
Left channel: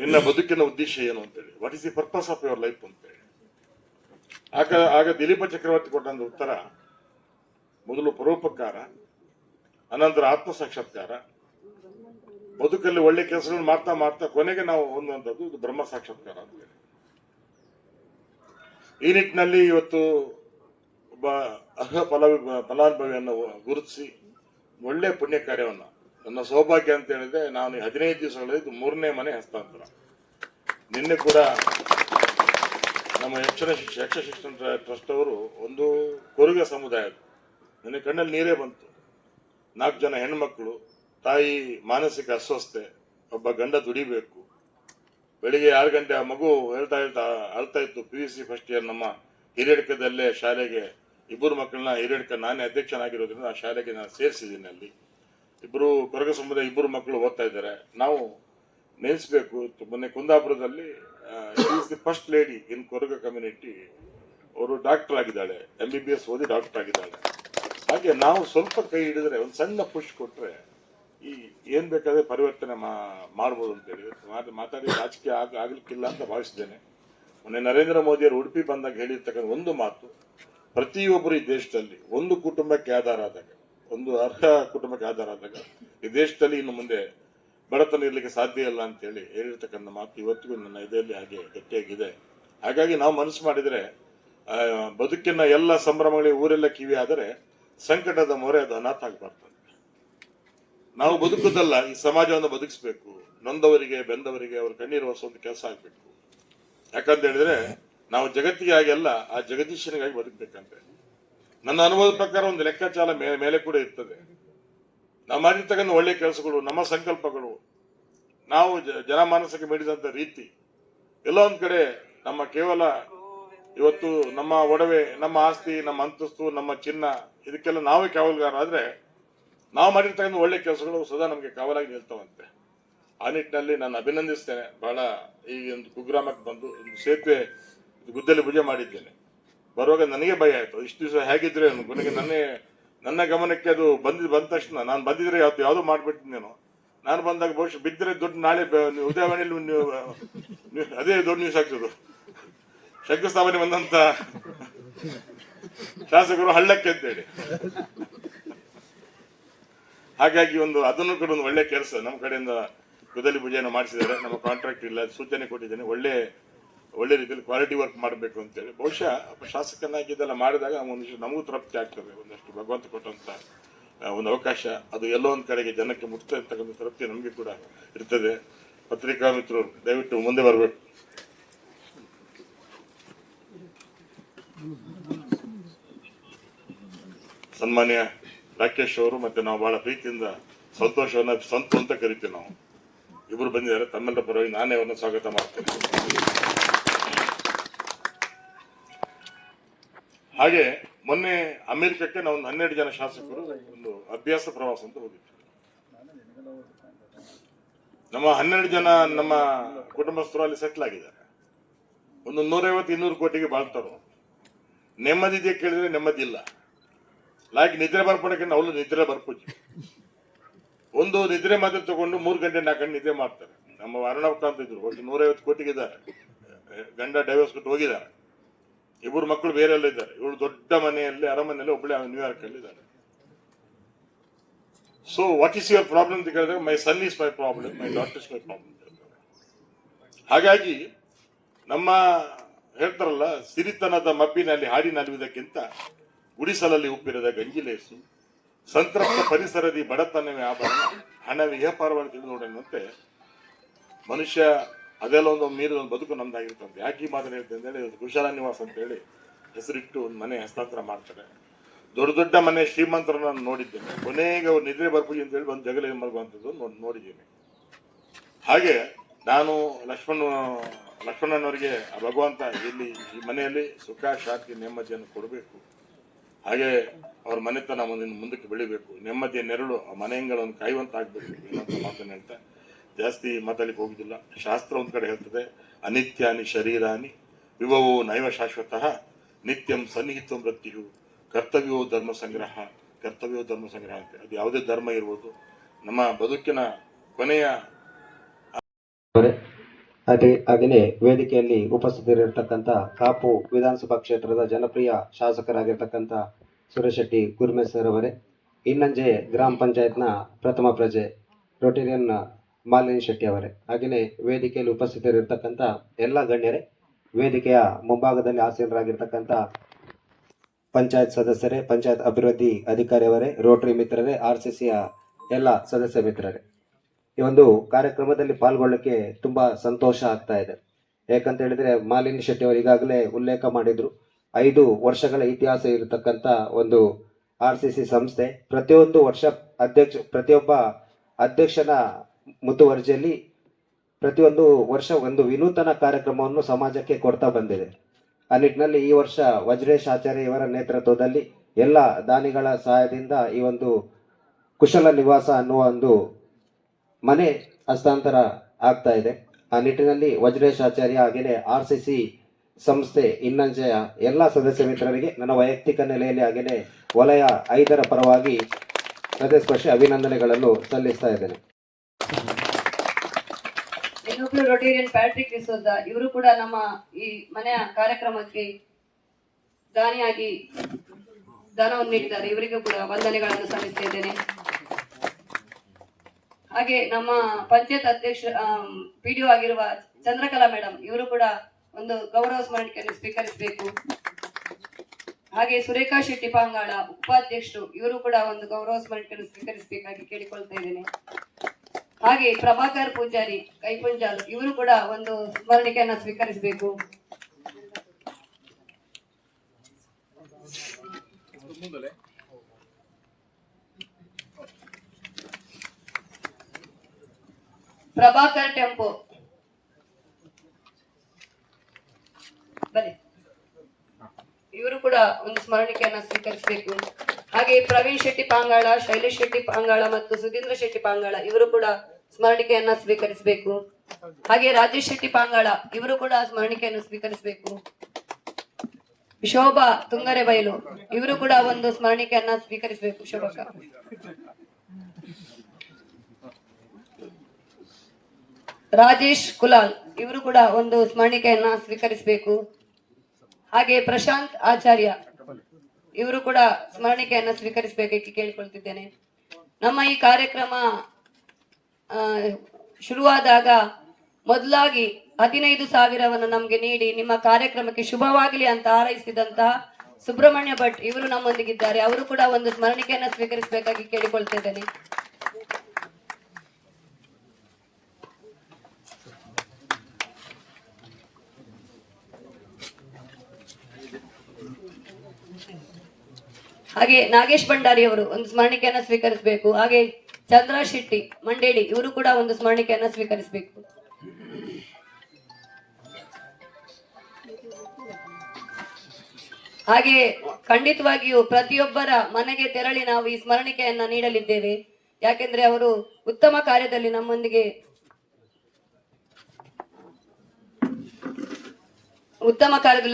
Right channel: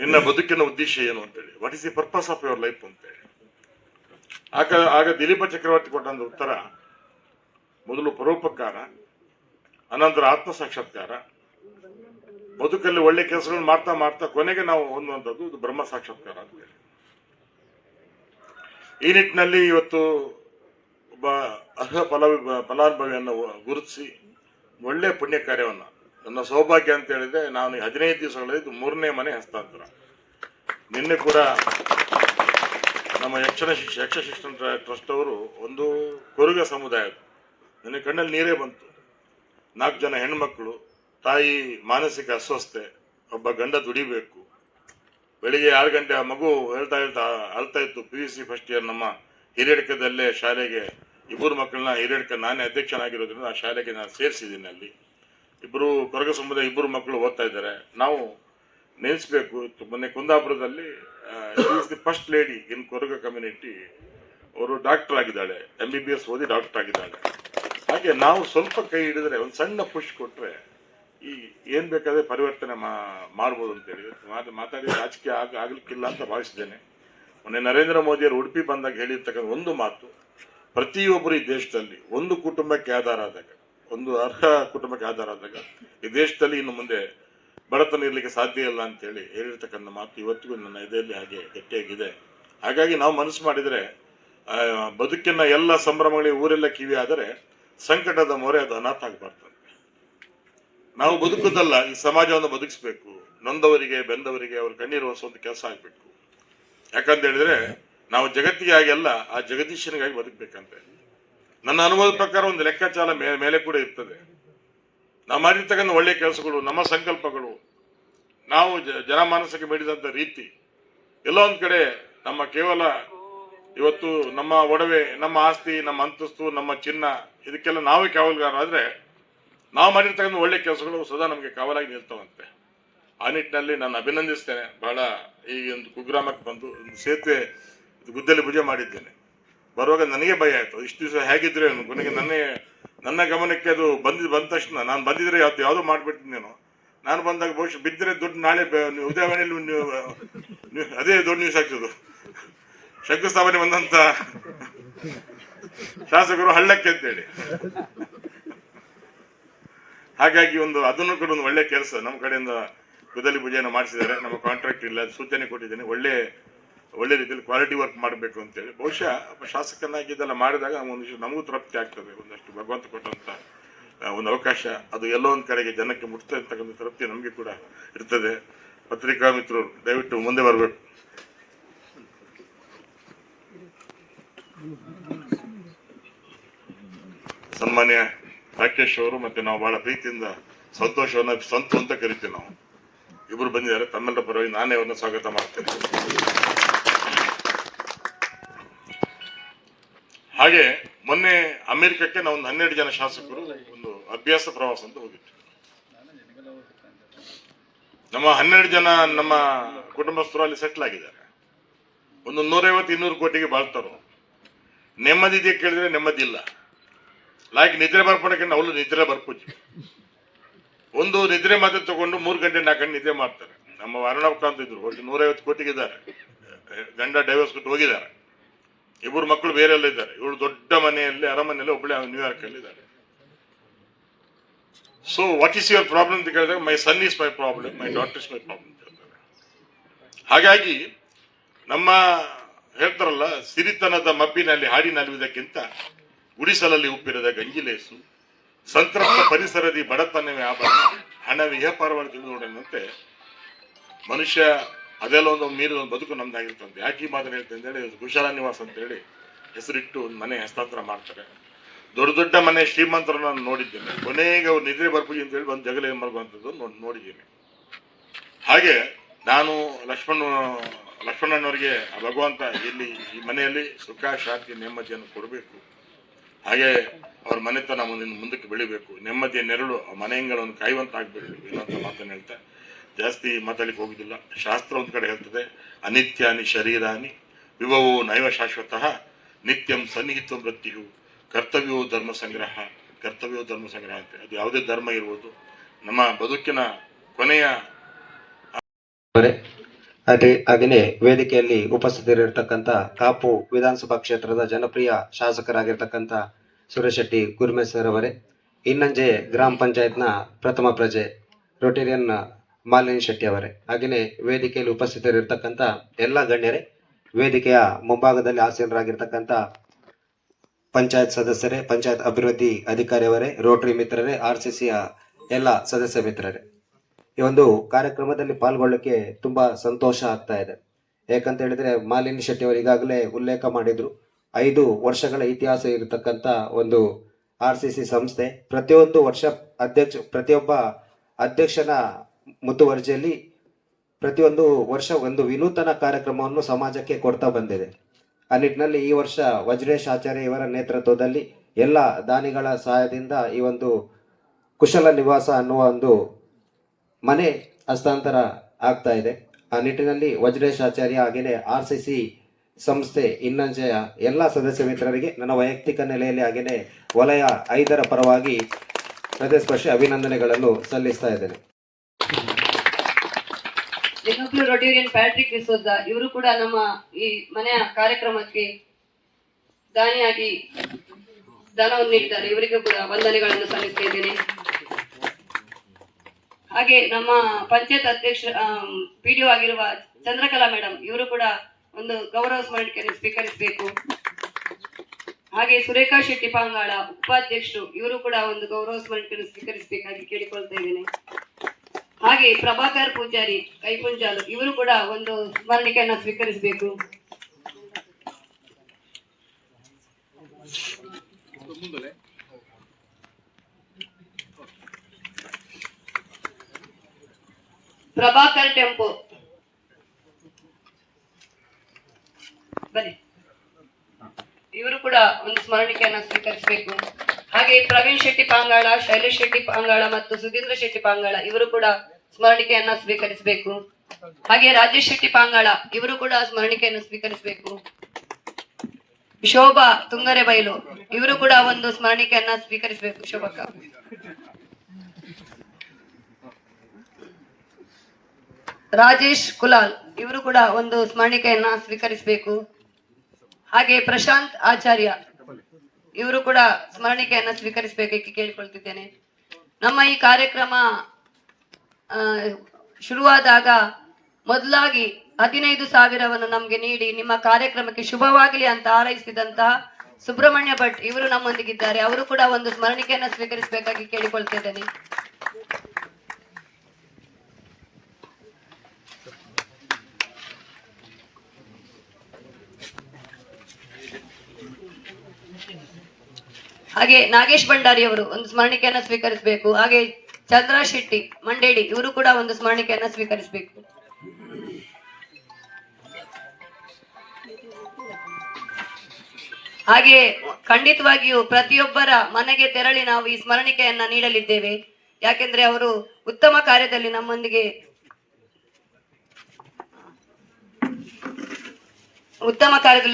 ನಿನ್ನ ಬದುಕಿನ ಉದ್ದೇಶ ಏನು ಅಂತೇಳಿ, what is the purpose of your life ಅಂತೇಳಿ. ಆಗ ದಿಲೀಪ ಚಕ್ರವರ್ತಿ ಕೊಟ್ಟಂತ ಉತ್ತರ, ಮೊದಲು ಪರೋಪಕಾರ, ಅನಂತರ ಆತ್ಮ ಸಾಕ್ಷಾತ್ಕಾರ, ಬದುಕಲ್ಲಿ ಒಳ್ಳೆ ಕೆಲಸಗಳನ್ನು ಮಾಡ್ತಾ ಮಾಡ್ತಾ ಕೊನೆಗೆ ನಾವು ಹೊಂದುವಂಥದ್ದು ಇದು ಬ್ರಹ್ಮ ಸಾಕ್ಷಾತ್ಕಾರ ಅಂತೇಳಿ. ಈ ನಿಟ್ಟಿನಲ್ಲಿ ಇವತ್ತು ಒಬ್ಬ ಅರ್ಹ ಫಲಾನುಭವಿಯನ್ನು ಗುರುತಿಸಿ ಒಳ್ಳೆ ಪುಣ್ಯ ಕಾರ್ಯವನ್ನು, ನನ್ನ ಸೌಭಾಗ್ಯ ಅಂತ ಹೇಳಿದ್ರೆ ನಾನು 15 ದಿವಸಗಳಲ್ಲಿ 3ನೇ ಮನೆ ಹಸ್ತಾಂತರ. ನಿನ್ನೆ ಕೂಡ ನಮ್ಮ ಯಕ್ಷ ಶಿಕ್ಷಣ ಟ್ರಸ್ಟ್ ಅವರು ಒಂದು ಕೊರುಗ ಸಮುದಾಯದ, ನನ್ನ ಕಣ್ಣಲ್ಲಿ ನೀರೇ ಬಂತು. 4 ಜನ ಹೆಣ್ಮಕ್ಳು, ತಾಯಿ ಮಾನಸಿಕ ಅಸ್ವಸ್ಥೆ, ಒಬ್ಬ ಗಂಡ ದುಡಿಬೇಕು. ಬೆಳಿಗ್ಗೆ 6 ಗಂಟೆ ಆ ಮಗು ಹೇಳ್ತಾ ಅಳ್ತಾ ಇತ್ತು. PUC ಫಸ್ಟ್ ಇಯರ್ ನಮ್ಮ ಹಿರಿಯಡ್ಕದಲ್ಲೇ ಶಾಲೆಗೆ 2 ಮಕ್ಕಳನ್ನ, ಹಿರಿಯಡ್ಕ ನಾನೇ ಅಧ್ಯಕ್ಷನಾಗಿರೋದ್ರಿಂದ ಆ ಶಾಲೆಗೆ ನಾನು ಸೇರಿಸಿದ್ದೀನಿ. ಅಲ್ಲಿ ಇಬ್ಬರು ಕೊರಗ ಸಮುದಾಯ 2 ಮಕ್ಕಳು ಓದ್ತಾ ಇದ್ದಾರೆ. ನಾವು ನೆನೆಸ್ಬೇಕು, ಮೊನ್ನೆ ಕುಂದಾಪುರದಲ್ಲಿ the first lady in Koraga community, ಅವರು ಡಾಕ್ಟರ್ ಆಗಿದ್ದಾಳೆ, MBBS ಓದಿ ಡಾಕ್ಟರ್ ಆಗಿದ್ದಾಳೆ. ಹಾಗೆ ನಾವು ಸ್ವಲ್ಪ ಕೈ ಹಿಡಿದ್ರೆ, ಒಂದು ಸಣ್ಣ ಪುಷ್ ಕೊಟ್ರೆ ಈ ಏನ್ ಬೇಕಾದ್ರೆ ಪರಿವರ್ತನೆ ಮಾಡ್ಬೋದು ಅಂತೇಳಿ ಮಾತಾಡಿ ರಾಜಕೀಯ ಆಗ್ಲಿಕ್ಕಿಲ್ಲ ಅಂತ ಭಾವಿಸಿದ್ದೇನೆ. ಮೊನ್ನೆ ನರೇಂದ್ರ ಮೋದಿಯವರು ಉಡುಪಿ ಬಂದಾಗ ಹೇಳಿರ್ತಕ್ಕಂಥ ಒಂದು ಮಾತು, ಪ್ರತಿಯೊಬ್ಬರು ಈ ದೇಶದಲ್ಲಿ ಒಂದು ಕುಟುಂಬಕ್ಕೆ ಆಧಾರ ಆದಾಗ, ಒಂದು ಅರ್ಹ ಕುಟುಂಬಕ್ಕೆ ಆಧಾರ ಆದಾಗ ಈ ದೇಶದಲ್ಲಿ ಇನ್ನು ಮುಂದೆ ಬಡತನ ಇರಲಿಕ್ಕೆ ಸಾಧ್ಯ ಇಲ್ಲ ಅಂತೇಳಿ ಹೇಳಿರ್ತಕ್ಕಂಥ ಮಾತು ಇವತ್ತಿಗೂ ನನ್ನ ಎದೆಯಲ್ಲಿ ಹಾಗೆ ಗಟ್ಟಿಯಾಗಿದೆ. ಹಾಗಾಗಿ ನಾವು ಮನಸ್ಸು ಮಾಡಿದರೆ ಬದುಕಿನ ಎಲ್ಲ ಸಂಭ್ರಮಗಳಿಗೆ ಊರೆಲ್ಲ ಕಿವಿ ಆದರೆ ಸಂಕಟದ ಮೊರೆ ಅದು ಅನಾಥ ಆಗಬಾರ್ದು. ನಾವು ಬದುಕುದಲ್ಲ, ಈ ಸಮಾಜವನ್ನು ಬದುಕಿಸ್ಬೇಕು. ನೊಂದವರಿಗೆ ಬೆಂದವರಿಗೆ ಅವ್ರ ಕಣ್ಣೀರು ಒರೆಸುವಂತ ಕೆಲಸ ಆಗ್ಬೇಕು. ಯಾಕಂತ ಹೇಳಿದ್ರೆ ನಾವು ಜಗತ್ತಿಗೆ ಆಗೆಲ್ಲ ಆ ಜಗದೀಶನಿಗಾಗಿ ಬದುಕಬೇಕಂತೆ. ನನ್ನ ಅನುಭವದ ಪ್ರಕಾರ ಒಂದು ಲೆಕ್ಕಾಚಾರ ಮೇಲೆ ಕೂಡ ಇರ್ತದೆ. ನಾವು ಮಾಡಿರ್ತಕ್ಕಂಥ ಒಳ್ಳೆ ಕೆಲಸಗಳು, ನಮ್ಮ ಸಂಕಲ್ಪಗಳು, ನಾವು ಜನಮಾನಸಕ್ಕೆ ನೀಡಿದಂಥ ರೀತಿ, ಎಲ್ಲ ಒಂದ್ ಕಡೆ ನಮ್ಮ ಕೇವಲ ಇವತ್ತು ನಮ್ಮ ಒಡವೆ, ನಮ್ಮ ಆಸ್ತಿ, ನಮ್ಮ ಅಂತಸ್ತು, ನಮ್ಮ ಚಿನ್ನ, ಇದಕ್ಕೆಲ್ಲ ನಾವೇ ಕಾವಲುಗಾರ ಆದ್ರೆ ನಾವು ಮಾಡಿರ್ತಕ್ಕಂಥ ಒಳ್ಳೆ ಕೆಲಸಗಳು ಸದಾ ನಮಗೆ ಕಾವಲಾಗಿ ನಿಲ್ತಾವಂತೆ. ಆ ನಿಟ್ಟಿನಲ್ಲಿ ನಾನು ಅಭಿನಂದಿಸ್ತೇನೆ. ಬಹಳ ಈ ಒಂದು ಕುಗ್ರಾಮಕ್ಕೆ ಬಂದು ಒಂದು ಸೇತುವೆ ಗುದ್ದಲಿ ಪೂಜೆ ಮಾಡಿದ್ದೇನೆ. ಬರುವಾಗ ನನಗೆ ಭಯ ಆಯ್ತು, ಇಷ್ಟು ದಿವಸ ಹೇಗಿದ್ರೆ ಕೊನೆಗೆ ನನ್ನ ಗಮನಕ್ಕೆ ಅದು ಬಂದ ತಕ್ಷಣ ನಾನು ಬಂದಿದ್ರೆ ಯಾವುದೋ ಮಾಡ್ಬಿಟ್ಟಿದ್ದೇನೋ. ನಾನು ಬಂದಾಗ ಬಹುಶಃ ಬಿದ್ದರೆ ದೊಡ್ಡ ನಾಳೆ ಉದಯವಾಣಿಯಲ್ಲಿ ಅದೇ ದೊಡ್ಡ ನ್ಯೂಸ್ ಆಗ್ತದೆ. ಶಂಕುಸ್ಥಾಪನೆ ಬಂದಂತ ಶಾಸಕರು ಹಳ್ಳಕ್ಕೆ ಅಂತೇಳಿ. ಹಾಗಾಗಿ ಅದನ್ನು ಕೂಡ ಒಂದು ಒಳ್ಳೆ ಕೆಲಸ ನಮ್ಮ ಕಡೆಯಿಂದ ಗುದ್ದಲಿ ಪೂಜೆಯನ್ನು ಮಾಡಿಸಿದ್ದಾರೆ. ನಮ್ಮ ಕಾಂಟ್ರಾಕ್ಟ್ ಇಲ್ಲ, ಸೂಚನೆ ಕೊಟ್ಟಿದ್ದೇನೆ, ಒಳ್ಳೆ ರೀತಿಯಲ್ಲಿ ಕ್ವಾಲಿಟಿ ವರ್ಕ್ ಮಾಡಬೇಕು ಅಂತೇಳಿ. ಬಹುಶಃ ಶಾಸಕನಾಗಿ ಇದೆಲ್ಲ ಮಾಡಿದಾಗ ನಮಗೂ ತೃಪ್ತಿ ಆಗ್ತದೆ. ಒಂದಷ್ಟು ಭಗವಂತ ಕೊಟ್ಟಂತ ಒಂದು ಅವಕಾಶ ಅದು ಎಲ್ಲೋ ಒಂದು ಕಡೆಗೆ ಜನಕ್ಕೆ ಮುಟ್ತಾ ಇರ್ತಕ್ಕಂಥ ತೃಪ್ತಿ ನಮಗೆ ಕೂಡ ಇರ್ತದೆ. ಪತ್ರಿಕಾ ಮಿತ್ರರು ದಯವಿಟ್ಟು ಮುಂದೆ ಬರಬೇಕು. ಸನ್ಮಾನ್ಯ ರಾಕೇಶ್ ಅವರು ಮತ್ತೆ ನಾವು ಬಹಳ ಪ್ರೀತಿಯಿಂದ ಸಂತೋಷವನ್ನ ಸಂತು ಅಂತ ಕರಿತೀವಿ. ನಾವು ಇಬ್ಬರು ಬಂದಿದ್ದಾರೆ. ತಮ್ಮೆಲ್ಲರ ಪರವಾಗಿ ನಾನೇ ಅವ್ರನ್ನ ಸ್ವಾಗತ ಮಾಡ್ತೇನೆ. ಹಾಗೆ ಮೊನ್ನೆ ಅಮೆರಿಕಕ್ಕೆ ನಾವು ಒಂದು 12 ಜನ ಶಾಸಕರು ಒಂದು ಅಭ್ಯಾಸ ಪ್ರವಾಸ ಅಂತ ಹೋಗಿದ್ವಿ. ನಮ್ಮ 12 ಜನ ನಮ್ಮ ಕುಟುಂಬಸ್ಥರು ಅಲ್ಲಿ ಸೆಟ್ಲ್ ಆಗಿದ್ದಾರೆ. ಒಂದು 150-200 ಕೋಟಿಗೆ ಬಾಳ್ತಾರೋ. ನೆಮ್ಮದಿ ಇದೆಯಾ ಕೇಳಿದ್ರೆ ನೆಮ್ಮದಿ ಇಲ್ಲ. ಲಾಯ್ಕ್ ನಿದ್ರೆ ಬರ್ಪಣಕ್ಕೆ ಅವಳು ನಿದ್ರೆ ಬರ್ಪೂಜಿ ಒಂದು ನಿದ್ರೆ ಮಾತ್ರ ತಗೊಂಡು 3 ಗಂಟೆ 4 ಗಂಟೆ ನಿದ್ರೆ ಮಾಡ್ತಾರೆ. ನಮ್ಮ ಅರುಣಕಾಂತ್ ಇದ್ರು, ಒಟ್ಟು 150 ಕೋಟಿಗೆ ಇದ್ದಾರೆ. ಗಂಡ ಡೈವರ್ಸ್ ಕೊಟ್ಟು ಹೋಗಿದ್ದಾರೆ. 2 ಮಕ್ಕಳು ಬೇರೆ ಎಲ್ಲ ಇದ್ದಾರೆ. ಇವಳು ದೊಡ್ಡ ಮನೆಯಲ್ಲಿ, ಅರಮನೆಯಲ್ಲಿ ಒಬ್ಬಳೆ ನ್ಯೂಯಾರ್ಕ್ ಅಲ್ಲಿ ಇದ್ದಾರೆ. So what is your problem ಅಂತ ಕೇಳಿದಾಗ, my son is my problem, my daughter is my problem ಅಂತ ಹೇಳ್ತಾರೆ. ಹಾಗಾಗಿ ನಮ್ಮ ಹೇಳ್ತಾರಲ್ಲ, ಸಿರಿತನದ ಮಬ್ಬಿನಲ್ಲಿ ಹಾಡಿ ನಲುವುದಕ್ಕಿಂತ ಗುಡಿಸಲಲ್ಲಿ ಉಪ್ಪಿರದ ಗಂಜಿಲೇಸು, ಸಂತೃಪ್ತ ಪರಿಸರದಿ ಬಡತನವೇ ಆಭರಣ, ಹಣ ವ್ಯಾಪಾರವಾಗಿ ತಿಳಿದು ನೋಡೋಣಂತೆ ಮನುಷ್ಯ ಅದೆಲ್ಲ ಒಂದು ಮೀರಿ ಒಂದು ಬದುಕು ನಮ್ದಾಗಿರ್ತಂತೆ. ಯಾಕೆ ಈ ಮಾತನ್ನು ಹೇಳ್ತೇನೆ ಅಂತೇಳಿ ಕುಶಾಲ ನಿವಾಸ ಅಂತೇಳಿ ಹೆಸರಿಟ್ಟು ಒಂದು ಮನೆ ಹಸ್ತಾಂತರ ಮಾಡ್ತಾರೆ. ದೊಡ್ಡ ದೊಡ್ಡ ಮನೆ ಶ್ರೀಮಂತರನ್ನ ನಾನು ನೋಡಿದ್ದೇನೆ. ಕೊನೆಗೆ ಅವ್ರು ನಿದ್ರೆ ಬರ್ಪೂಜಿ ಅಂತೇಳಿ ಒಂದು ಜಗಲೇ ಮಲಗುವಂಥದ್ದು ನೋಡಿದ್ದೀನಿ. ಹಾಗೆ ನಾನು ಲಕ್ಷ್ಮಣ್ಣನವರಿಗೆ ಭಗವಂತ ಇಲ್ಲಿ ಈ ಮನೆಯಲ್ಲಿ ಸುಖ ಶಾಂತಿ ನೆಮ್ಮದಿಯನ್ನು ಕೊಡಬೇಕು. ಹಾಗೆ ಅವ್ರ ಮನೆತನ ಮುಂದಕ್ಕೆ ಬೆಳಿಬೇಕು. ನೆಮ್ಮದಿಯ ನೆರಳು ಆ ಮನೆಗಳನ್ನು ಕಾಯುವಂತಾಗಬೇಕು ಏನಂತ ಮಾತನ್ನು ಹೇಳ್ತಾ ಜಾಸ್ತಿ ಮಾತಾಡಲಿಕ್ಕೆ ಹೋಗುದಿಲ್ಲ. ಶಾಸ್ತ್ರ ಒಂದು ಕಡೆ ಹೇಳ್ತದೆ, ಅನಿತ್ಯಾನಿ ಶರೀರಾನಿ ವಿಭವೋ ನೈವ ಶಾಶ್ವತಃ ನಿತ್ಯಂ ಸನ್ನಿಹಿತ ಮೃತ್ಯು ಕರ್ತವ್ಯೋ ಧರ್ಮ ಸಂಗ್ರಹ ಅಂತ. ಅದು ಯಾವುದೇ ಧರ್ಮ ಇರ್ಬೋದು, ನಮ್ಮ ಬದುಕಿನ ಕೊನೆಯ ಹಾಗೆಯೇ ವೇದಿಕೆಯಲ್ಲಿ ಉಪಸ್ಥಿತರಿರ್ತಕ್ಕಂಥ ಕಾಪು ವಿಧಾನಸಭಾ ಕ್ಷೇತ್ರದ ಜನಪ್ರಿಯ ಶಾಸಕರಾಗಿರ್ತಕ್ಕಂಥ ಸುರೇಶ್ ಶೆಟ್ಟಿ ಗುರ್ಮೆ ಸರ್ ಅವರೇ, ಇನ್ನಂಜೆ ಗ್ರಾಮ ಪಂಚಾಯತ್ನ ಪ್ರಥಮ ಪ್ರಜೆ ರೋಟೇರಿಯನ್ ಮಾಲಿನಿ ಶೆಟ್ಟಿ ಅವರೇ, ಹಾಗೆಯೇ ವೇದಿಕೆಯಲ್ಲಿ ಉಪಸ್ಥಿತರಿರ್ತಕ್ಕಂಥ ಎಲ್ಲ ಗಣ್ಯರೇ, ವೇದಿಕೆಯ ಮುಂಭಾಗದಲ್ಲಿ ಆಸೀನರಾಗಿರ್ತಕ್ಕಂಥ ಪಂಚಾಯತ್ ಸದಸ್ಯರೇ, ಪಂಚಾಯತ್ ಅಭಿವೃದ್ಧಿ ಅಧಿಕಾರಿಯವರೇ, ರೋಟರಿ ಮಿತ್ರರೇ, RCCಯ ಎಲ್ಲ ಸದಸ್ಯ ಮಿತ್ರರೇ, ಈ ಒಂದು ಕಾರ್ಯಕ್ರಮದಲ್ಲಿ ಪಾಲ್ಗೊಳ್ಳಕ್ಕೆ ತುಂಬಾ ಸಂತೋಷ ಆಗ್ತಾ ಇದೆ. ಯಾಕಂತ ಹೇಳಿದ್ರೆ ಮಾಲಿನಿ ಶೆಟ್ಟಿ ಅವರು ಈಗಾಗಲೇ ಉಲ್ಲೇಖ ಮಾಡಿದ್ರು, 5 ವರ್ಷಗಳ ಇತಿಹಾಸ ಇರತಕ್ಕಂಥ ಒಂದು RCC ಸಂಸ್ಥೆ. ಪ್ರತಿಯೊಂದು ವರ್ಷ ಪ್ರತಿಯೊಬ್ಬ ಅಧ್ಯಕ್ಷನ ಮುತುವರ್ಜಿಯಲ್ಲಿ ಪ್ರತಿಯೊಂದು ವರ್ಷ ಒಂದು ವಿನೂತನ ಕಾರ್ಯಕ್ರಮವನ್ನು ಸಮಾಜಕ್ಕೆ ಕೊಡ್ತಾ ಬಂದಿದೆ. ಆ ನಿಟ್ಟಿನಲ್ಲಿ ಈ ವರ್ಷ ವಜ್ರೇಶ್ ಆಚಾರ್ಯ ಇವರ ನೇತೃತ್ವದಲ್ಲಿ ಎಲ್ಲ ದಾನಿಗಳ ಸಹಾಯದಿಂದ ಈ ಒಂದು ಕುಶಲ ನಿವಾಸ ಅನ್ನುವ ಒಂದು ಮನೆ ಹಸ್ತಾಂತರ ಆಗ್ತಾ ಇದೆ. ಆ ನಿಟ್ಟಿನಲ್ಲಿ ವಜ್ರೇಶ್ ಆಚಾರ್ಯ ಹಾಗೆಯೇ RCC ಸಂಸ್ಥೆ ಇನ್ನಂಜೆಯ ಎಲ್ಲ ಸದಸ್ಯ ಮಿತ್ರರಿಗೆ ನನ್ನ ವೈಯಕ್ತಿಕ ನೆಲೆಯಲ್ಲಿ ಹಾಗೆಯೇ ವಲಯ 5ರ ಪರವಾಗಿ ಹೃದಯಸ್ಪರ್ಶಿ ಅಭಿನಂದನೆಗಳನ್ನು ಸಲ್ಲಿಸ್ತಾ ಇದ್ದೇನೆ. ಇನ್ನೊಬ್ರು ರೊಟೇರಿಯನ್ ಪ್ಯಾಟ್ರಿಕ್ ಡಿಸೋಜ ಇವರು ಕೂಡ ನಮ್ಮ ಈ ಮನೆಯ ಕಾರ್ಯಕ್ರಮಕ್ಕೆ ದಾನಿಯಾಗಿ ದಾನವನ್ನು ನೀಡಿದ್ದಾರೆ. ಇವರಿಗೂ ಕೂಡ ವಂದನೆಗಳನ್ನು ಸಲ್ಲಿಸ್ತಾ ಇದ್ದೇನೆ. ಹಾಗೆ ನಮ್ಮ ಪಂಚಾಯತ್ ಅಧ್ಯಕ್ಷ PDO ಆಗಿರುವ ಚಂದ್ರಕಲಾ ಮೇಡಮ್ ಇವರು ಕೂಡ ಒಂದು ಗೌರವ ಸ್ಮರಣಿಕೆಯನ್ನು ಸ್ವೀಕರಿಸಬೇಕು. ಹಾಗೆ ಸುರೇಖಾ ಶೆಟ್ಟಿ ಪಾಂಗಾಳ ಉಪಾಧ್ಯಕ್ಷರು ಇವರು ಕೂಡ ಒಂದು ಗೌರವ ಸ್ಮರಣಿಕೆಯನ್ನು ಸ್ವೀಕರಿಸಬೇಕಾಗಿ ಕೇಳಿಕೊಳ್ತಾ ಇದ್ದೇನೆ. ಹಾಗೆ ಪ್ರಭಾಕರ್ ಪೂಜಾರಿ ಕೈಪುಂಜಾಲು ಇವರು ಕೂಡ ಒಂದು ಸ್ಮರಣಿಕೆಯನ್ನು ಸ್ವೀಕರಿಸಬೇಕು. ಪ್ರಭಾಕರ್ ಟೆಂಪೋ ಬನ್ನಿ, ಇವರು ಕೂಡ ಒಂದು ಸ್ಮರಣಿಕೆಯನ್ನು ಸ್ವೀಕರಿಸಬೇಕು. ಹಾಗೆ ಪ್ರವೀಣ್ ಶೆಟ್ಟಿ ಪಾಂಗಾಳ, ಶೈಲೇಶ್ ಶೆಟ್ಟಿ ಪಾಂಗಾಳ ಮತ್ತು ಸುಧೀಂದ್ರ ಶೆಟ್ಟಿ ಪಾಂಗಾಳ ಇವರು ಕೂಡ ಸ್ಮರಣಿಕೆಯನ್ನು ಸ್ವೀಕರಿಸಬೇಕು. ಹಾಗೆ ರಾಜೇಶ್ ಶೆಟ್ಟಿ ಪಾಂಗಾಳ ಇವರು ಕೂಡ ಸ್ಮರಣಿಕೆಯನ್ನು ಸ್ವೀಕರಿಸಬೇಕು. ಶೋಭಾ ತುಂಗರೆ ಬೈಲು ಇವರು ಕೂಡ ಒಂದು ಸ್ಮರಣಿಕೆಯನ್ನ ಸ್ವೀಕರಿಸಬೇಕು. ಶೋಭಕ್ಕ ರಾಜೇಶ್ ಕುಲಾಲ್ ಇವರು ಕೂಡ ಒಂದು ಸ್ಮರಣಿಕೆಯನ್ನ ಸ್ವೀಕರಿಸಬೇಕು. ಹಾಗೆ ಪ್ರಶಾಂತ್ ಆಚಾರ್ಯ ಇವರು ಕೂಡ ಸ್ಮರಣಿಕೆಯನ್ನ ಸ್ವೀಕರಿಸಬೇಕೆಂದು ಕೇಳಿಕೊಳ್ತಿದ್ದೇನೆ. ನಮ್ಮ ಈ ಕಾರ್ಯಕ್ರಮ ಶುರುವಾದಾಗ ಮೊದಲಾಗಿ 15,000ವನ್ನು ನಮಗೆ ನೀಡಿ ನಿಮ್ಮ ಕಾರ್ಯಕ್ರಮಕ್ಕೆ ಶುಭವಾಗಲಿ ಅಂತ ಹಾರೈಸಿದಂತಹ ಸುಬ್ರಹ್ಮಣ್ಯ ಭಟ್ ಇವರು ನಮ್ಮೊಂದಿಗಿದ್ದಾರೆ. ಅವರು ಕೂಡ ಒಂದು ಸ್ಮರಣಿಕೆಯನ್ನ ಸ್ವೀಕರಿಸಬೇಕಾಗಿ ಕೇಳಿಕೊಳ್ತಿದ್ದೇನೆ. ಹಾಗೆ ನಾಗೇಶ್ ಭಂಡಾರಿ ಅವರು ಒಂದು ಸ್ಮರಣಿಕೆಯನ್ನ ಸ್ವೀಕರಿಸಬೇಕು. ಹಾಗೆ ಚಂದ್ರ ಶೆಟ್ಟಿ ಮಂಡೇಡಿ ಇವರು ಕೂಡ ಒಂದು ಸ್ಮರಣಿಕೆಯನ್ನ ಸ್ವೀಕರಿಸಬೇಕು. ಹಾಗೆ ಖಂಡಿತವಾಗಿಯೂ ಪ್ರತಿಯೊಬ್ಬರ ಮನೆಗೆ ತೆರಳಿ ನಾವು ಈ ಸ್ಮರಣಿಕೆಯನ್ನ ನೀಡಲಿದ್ದೇವೆ. ಯಾಕೆಂದ್ರೆ ಅವರು ಉತ್ತಮ ಕಾರ್ಯದಲ್ಲಿ ನಮ್ಮೊಂದಿಗೆ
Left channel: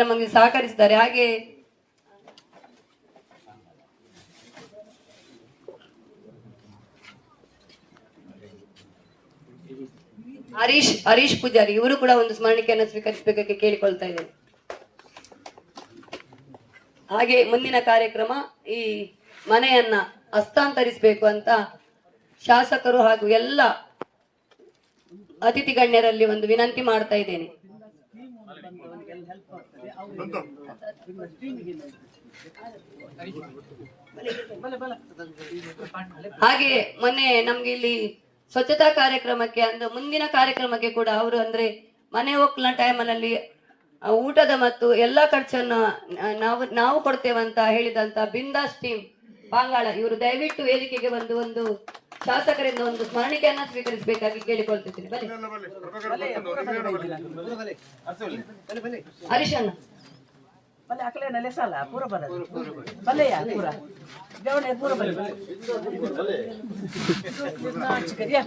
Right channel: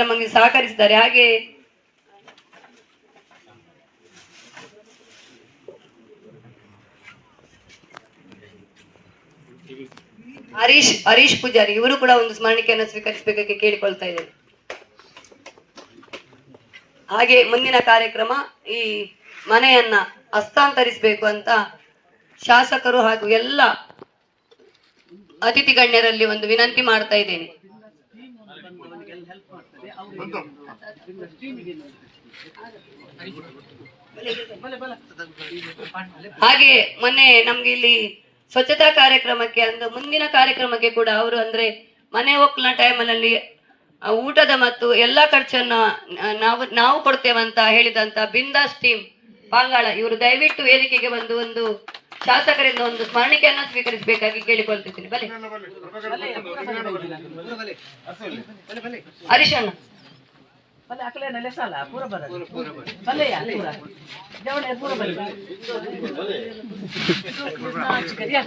ನಮಗೆ ಸಹಕರಿಸಿದ್ದಾರೆ. ಹಾಗೆ ಹರೀಶ್ ಪೂಜಾರಿ ಇವರು ಕೂಡ ಒಂದು ಸ್ಮರಣಿಕೆಯನ್ನು ಸ್ವೀಕರಿಸಬೇಕಾಗಿ ಕೇಳಿಕೊಳ್ತಾ ಇದ್ದೇನೆ. ಹಾಗೆ ಮುಂದಿನ ಕಾರ್ಯಕ್ರಮ ಈ ಮನೆಯನ್ನ ಹಸ್ತಾಂತರಿಸಬೇಕು ಅಂತ ಶಾಸಕರು ಹಾಗೂ ಎಲ್ಲ ಅತಿಥಿ ಗಣ್ಯರಲ್ಲಿ ಒಂದು ವಿನಂತಿ ಮಾಡ್ತಾ ಇದ್ದೇನೆ. ಹಾಗೆ ಮೊನ್ನೆ ನಮ್ಗೆ ಇಲ್ಲಿ ಸ್ವಚ್ಛತಾ ಕಾರ್ಯಕ್ರಮಕ್ಕೆ ಅಂದ್ರೆ ಮುಂದಿನ ಕಾರ್ಯಕ್ರಮಕ್ಕೆ ಕೂಡ ಅವರು ಅಂದ್ರೆ ಮನೆ ಒಕ್ಕಲಿನ ಟೈಮಲ್ಲಿ ಊಟದ ಮತ್ತು ಎಲ್ಲಾ ಖರ್ಚನ್ನ ನಾವು ಕೊಡ್ತೇವಂತ ಹೇಳಿದಂತ ಬಿಂದಾಸ್ ಟೀಮ್ ಪಾಂಗಾಳ ಇವರು ದಯವಿಟ್ಟು ವೇದಿಕೆಗೆ ಬಂದು ಒಂದು ಶಾಸಕರಿಂದ ಒಂದು ಸ್ಮರಣಿಕೆಯನ್ನ ಸ್ವೀಕರಿಸಬೇಕಾಗಿ ಕೇಳಿಕೊಳ್ತಿದ್ದೀನಿ. ಬಲೆ ಹರೀಶಣ್ಣ भले अकले नले साला पूरा बदल भले यार पूरा जवन है पूरा भले चिकरिया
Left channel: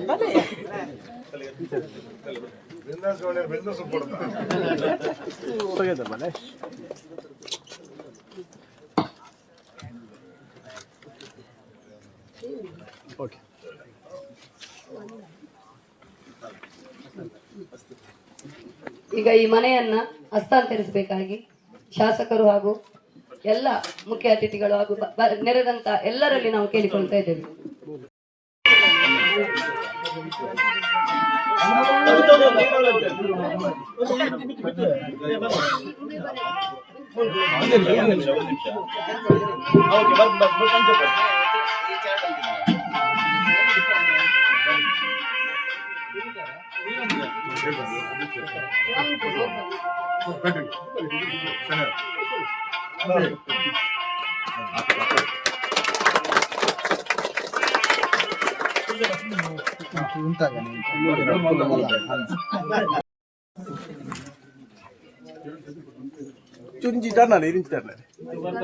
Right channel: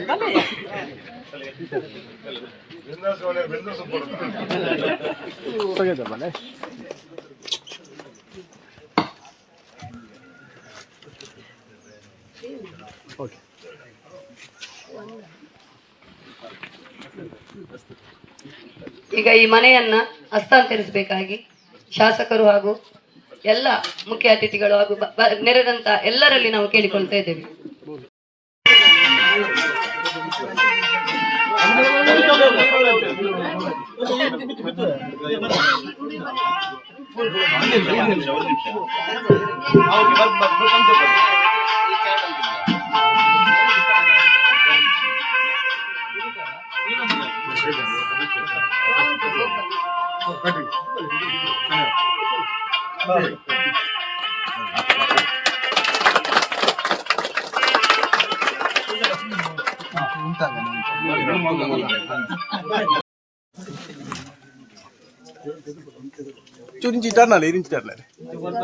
भले ಈಗ ಈ ಮನೆಯನ್ನ ಹಸ್ತಾಂತರಿಸಬೇಕಾಗಿ ಶಾಸಕರು ಹಾಗೂ ಎಲ್ಲ ಮುಖ್ಯ ಅತಿಥಿಗಳು ಹಾಗೂ ನೆರೆದಂತ ಎಲ್ಲರಲ್ಲಿ ನಾವು ಕೇಳಿಕೊಳ್ತಾ ಇದ್ದೇವೆ. चुरी टर्नल इरिंच टर्नल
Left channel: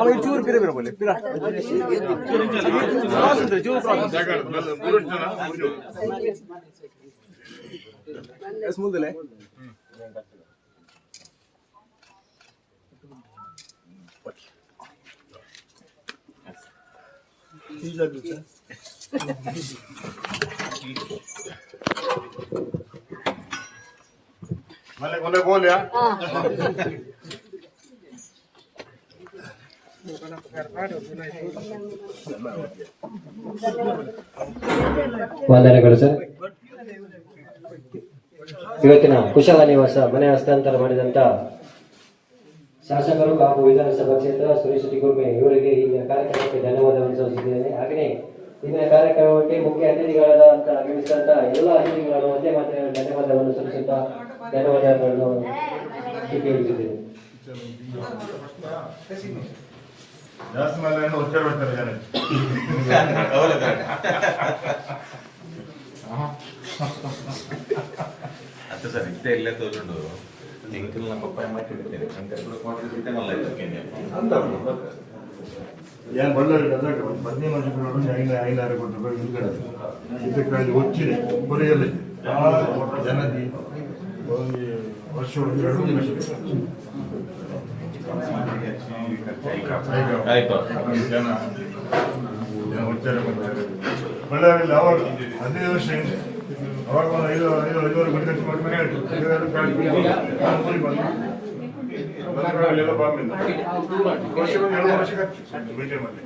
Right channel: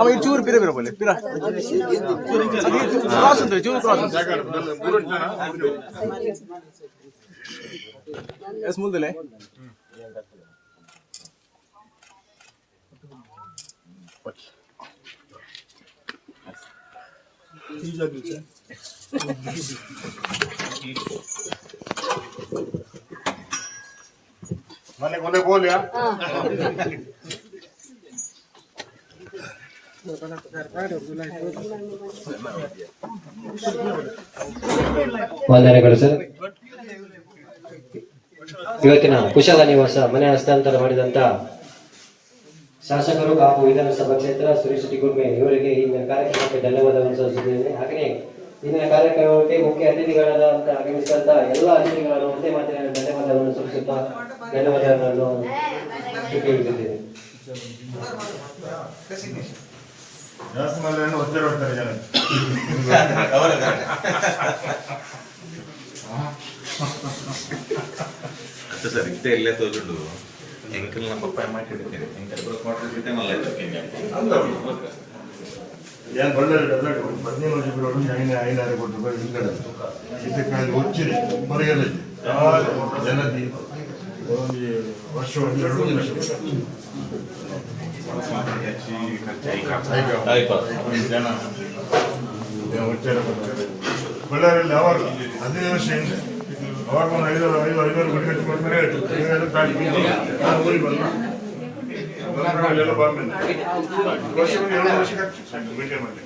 अब चूर पिरे पिरे बोले पिरा क्रॉस होते चूर क्रॉस एस मुल्दले मैंने बोले बोल यार ವಂದನೆಗಳು ಸರ್. ಇವತ್ತಿನ ಕುಶಲ ನಿವಾಸ ಮನೆ ಹಸ್ತಾಂತರ ಮಾಡಿದಂತ ಶಾಸಕರು ಕಾಪು ವಿಧಾನಸಭಾ ಕ್ಷೇತ್ರ ಸುರೇಶ್ ಗುರ್ಮೆ ಇವರಿಗೆ ಇಂದಿನ ಕಾರ್ಯಕ್ರಮಕ್ಕೆ ಧನ್ಯವಾದವನ್ನು ಸಲ್ಲಿಸುತ್ತೇನೆ. ಹಾಗೆಯೇ ಇಂದಿನ ಕಾರ್ಯಕ್ರಮಕ್ಕೆ ಮುಖ್ಯ ಅತಿಥಿಗಳಾದಂತ ಆಗಮಿಸಿದಂತ ಎಲ್ಲ ಅತಿಥಿಗಳನ್ನು ಒಂದೇ ಮಾತಿನ ಧನ್ಯವಾದವನ್ನು ಸಲ್ಲಿಸುತ್ತಾ ಧನ್ಯವಾದಗಳನ್ನು ಕೇಳುತ್ತಿದ್ದೇನೆ. ಜಾಸ್ತಿ ಮೇಲೆ ಒತ್ತಡ ಬರ್ತಾರೆ ಜನ ಅದು ಸರ್ ಇದ್ದೇ ಇಲ್ಲೇ ತೋರುಂಡು ಎಂಕಲ್ ನಮ್ಮ ಪಪ್ಪಾಯ ಮಾಡಿಟ್ಟಿದ್ದೇನೆ ಎಂಕಲ್ ಕೂಡ ಕ್ವಾರ್ಟರ್ ಬಿಟ್ಟೆ ಮಲ್ಲ ಏನು ಬಳ್ಳಾರಿ ಗದಗ 15 ವರ್ಷಗಳು ಐನಾರು ಕೋಟಿ ರೂಪಾಯಿ ಹಿಂದ್ಗಡೆ ಇದಕ್ಕಾಗಿ వచ్చింది ಹೊರಗೆಲ್ಲ ಜನದಿ ಒಂದು ವರ್ಷ 2 ವರ್ಷ ಜನ ಒತ್ತಡ ಬರ್ತಾರೆ ಬಳ್ಳಾರಿಯಲ್ಲಿ ಅವಾಗ 15 ವರ್ಷ ಹಿಂದೆ ಅವಾಗ ಒಂದು 5 ಗಂಟೆ ಕೊಡ್ತಾರೆ ಊರಿಗೆ ಬಂದು ಎಲ್ಲ ಬಾಂಬೆ ವರ್ಷ 7 ವರ್ಷಕ್ಕೆ ಭೇಟಿ ಮಾಡಿ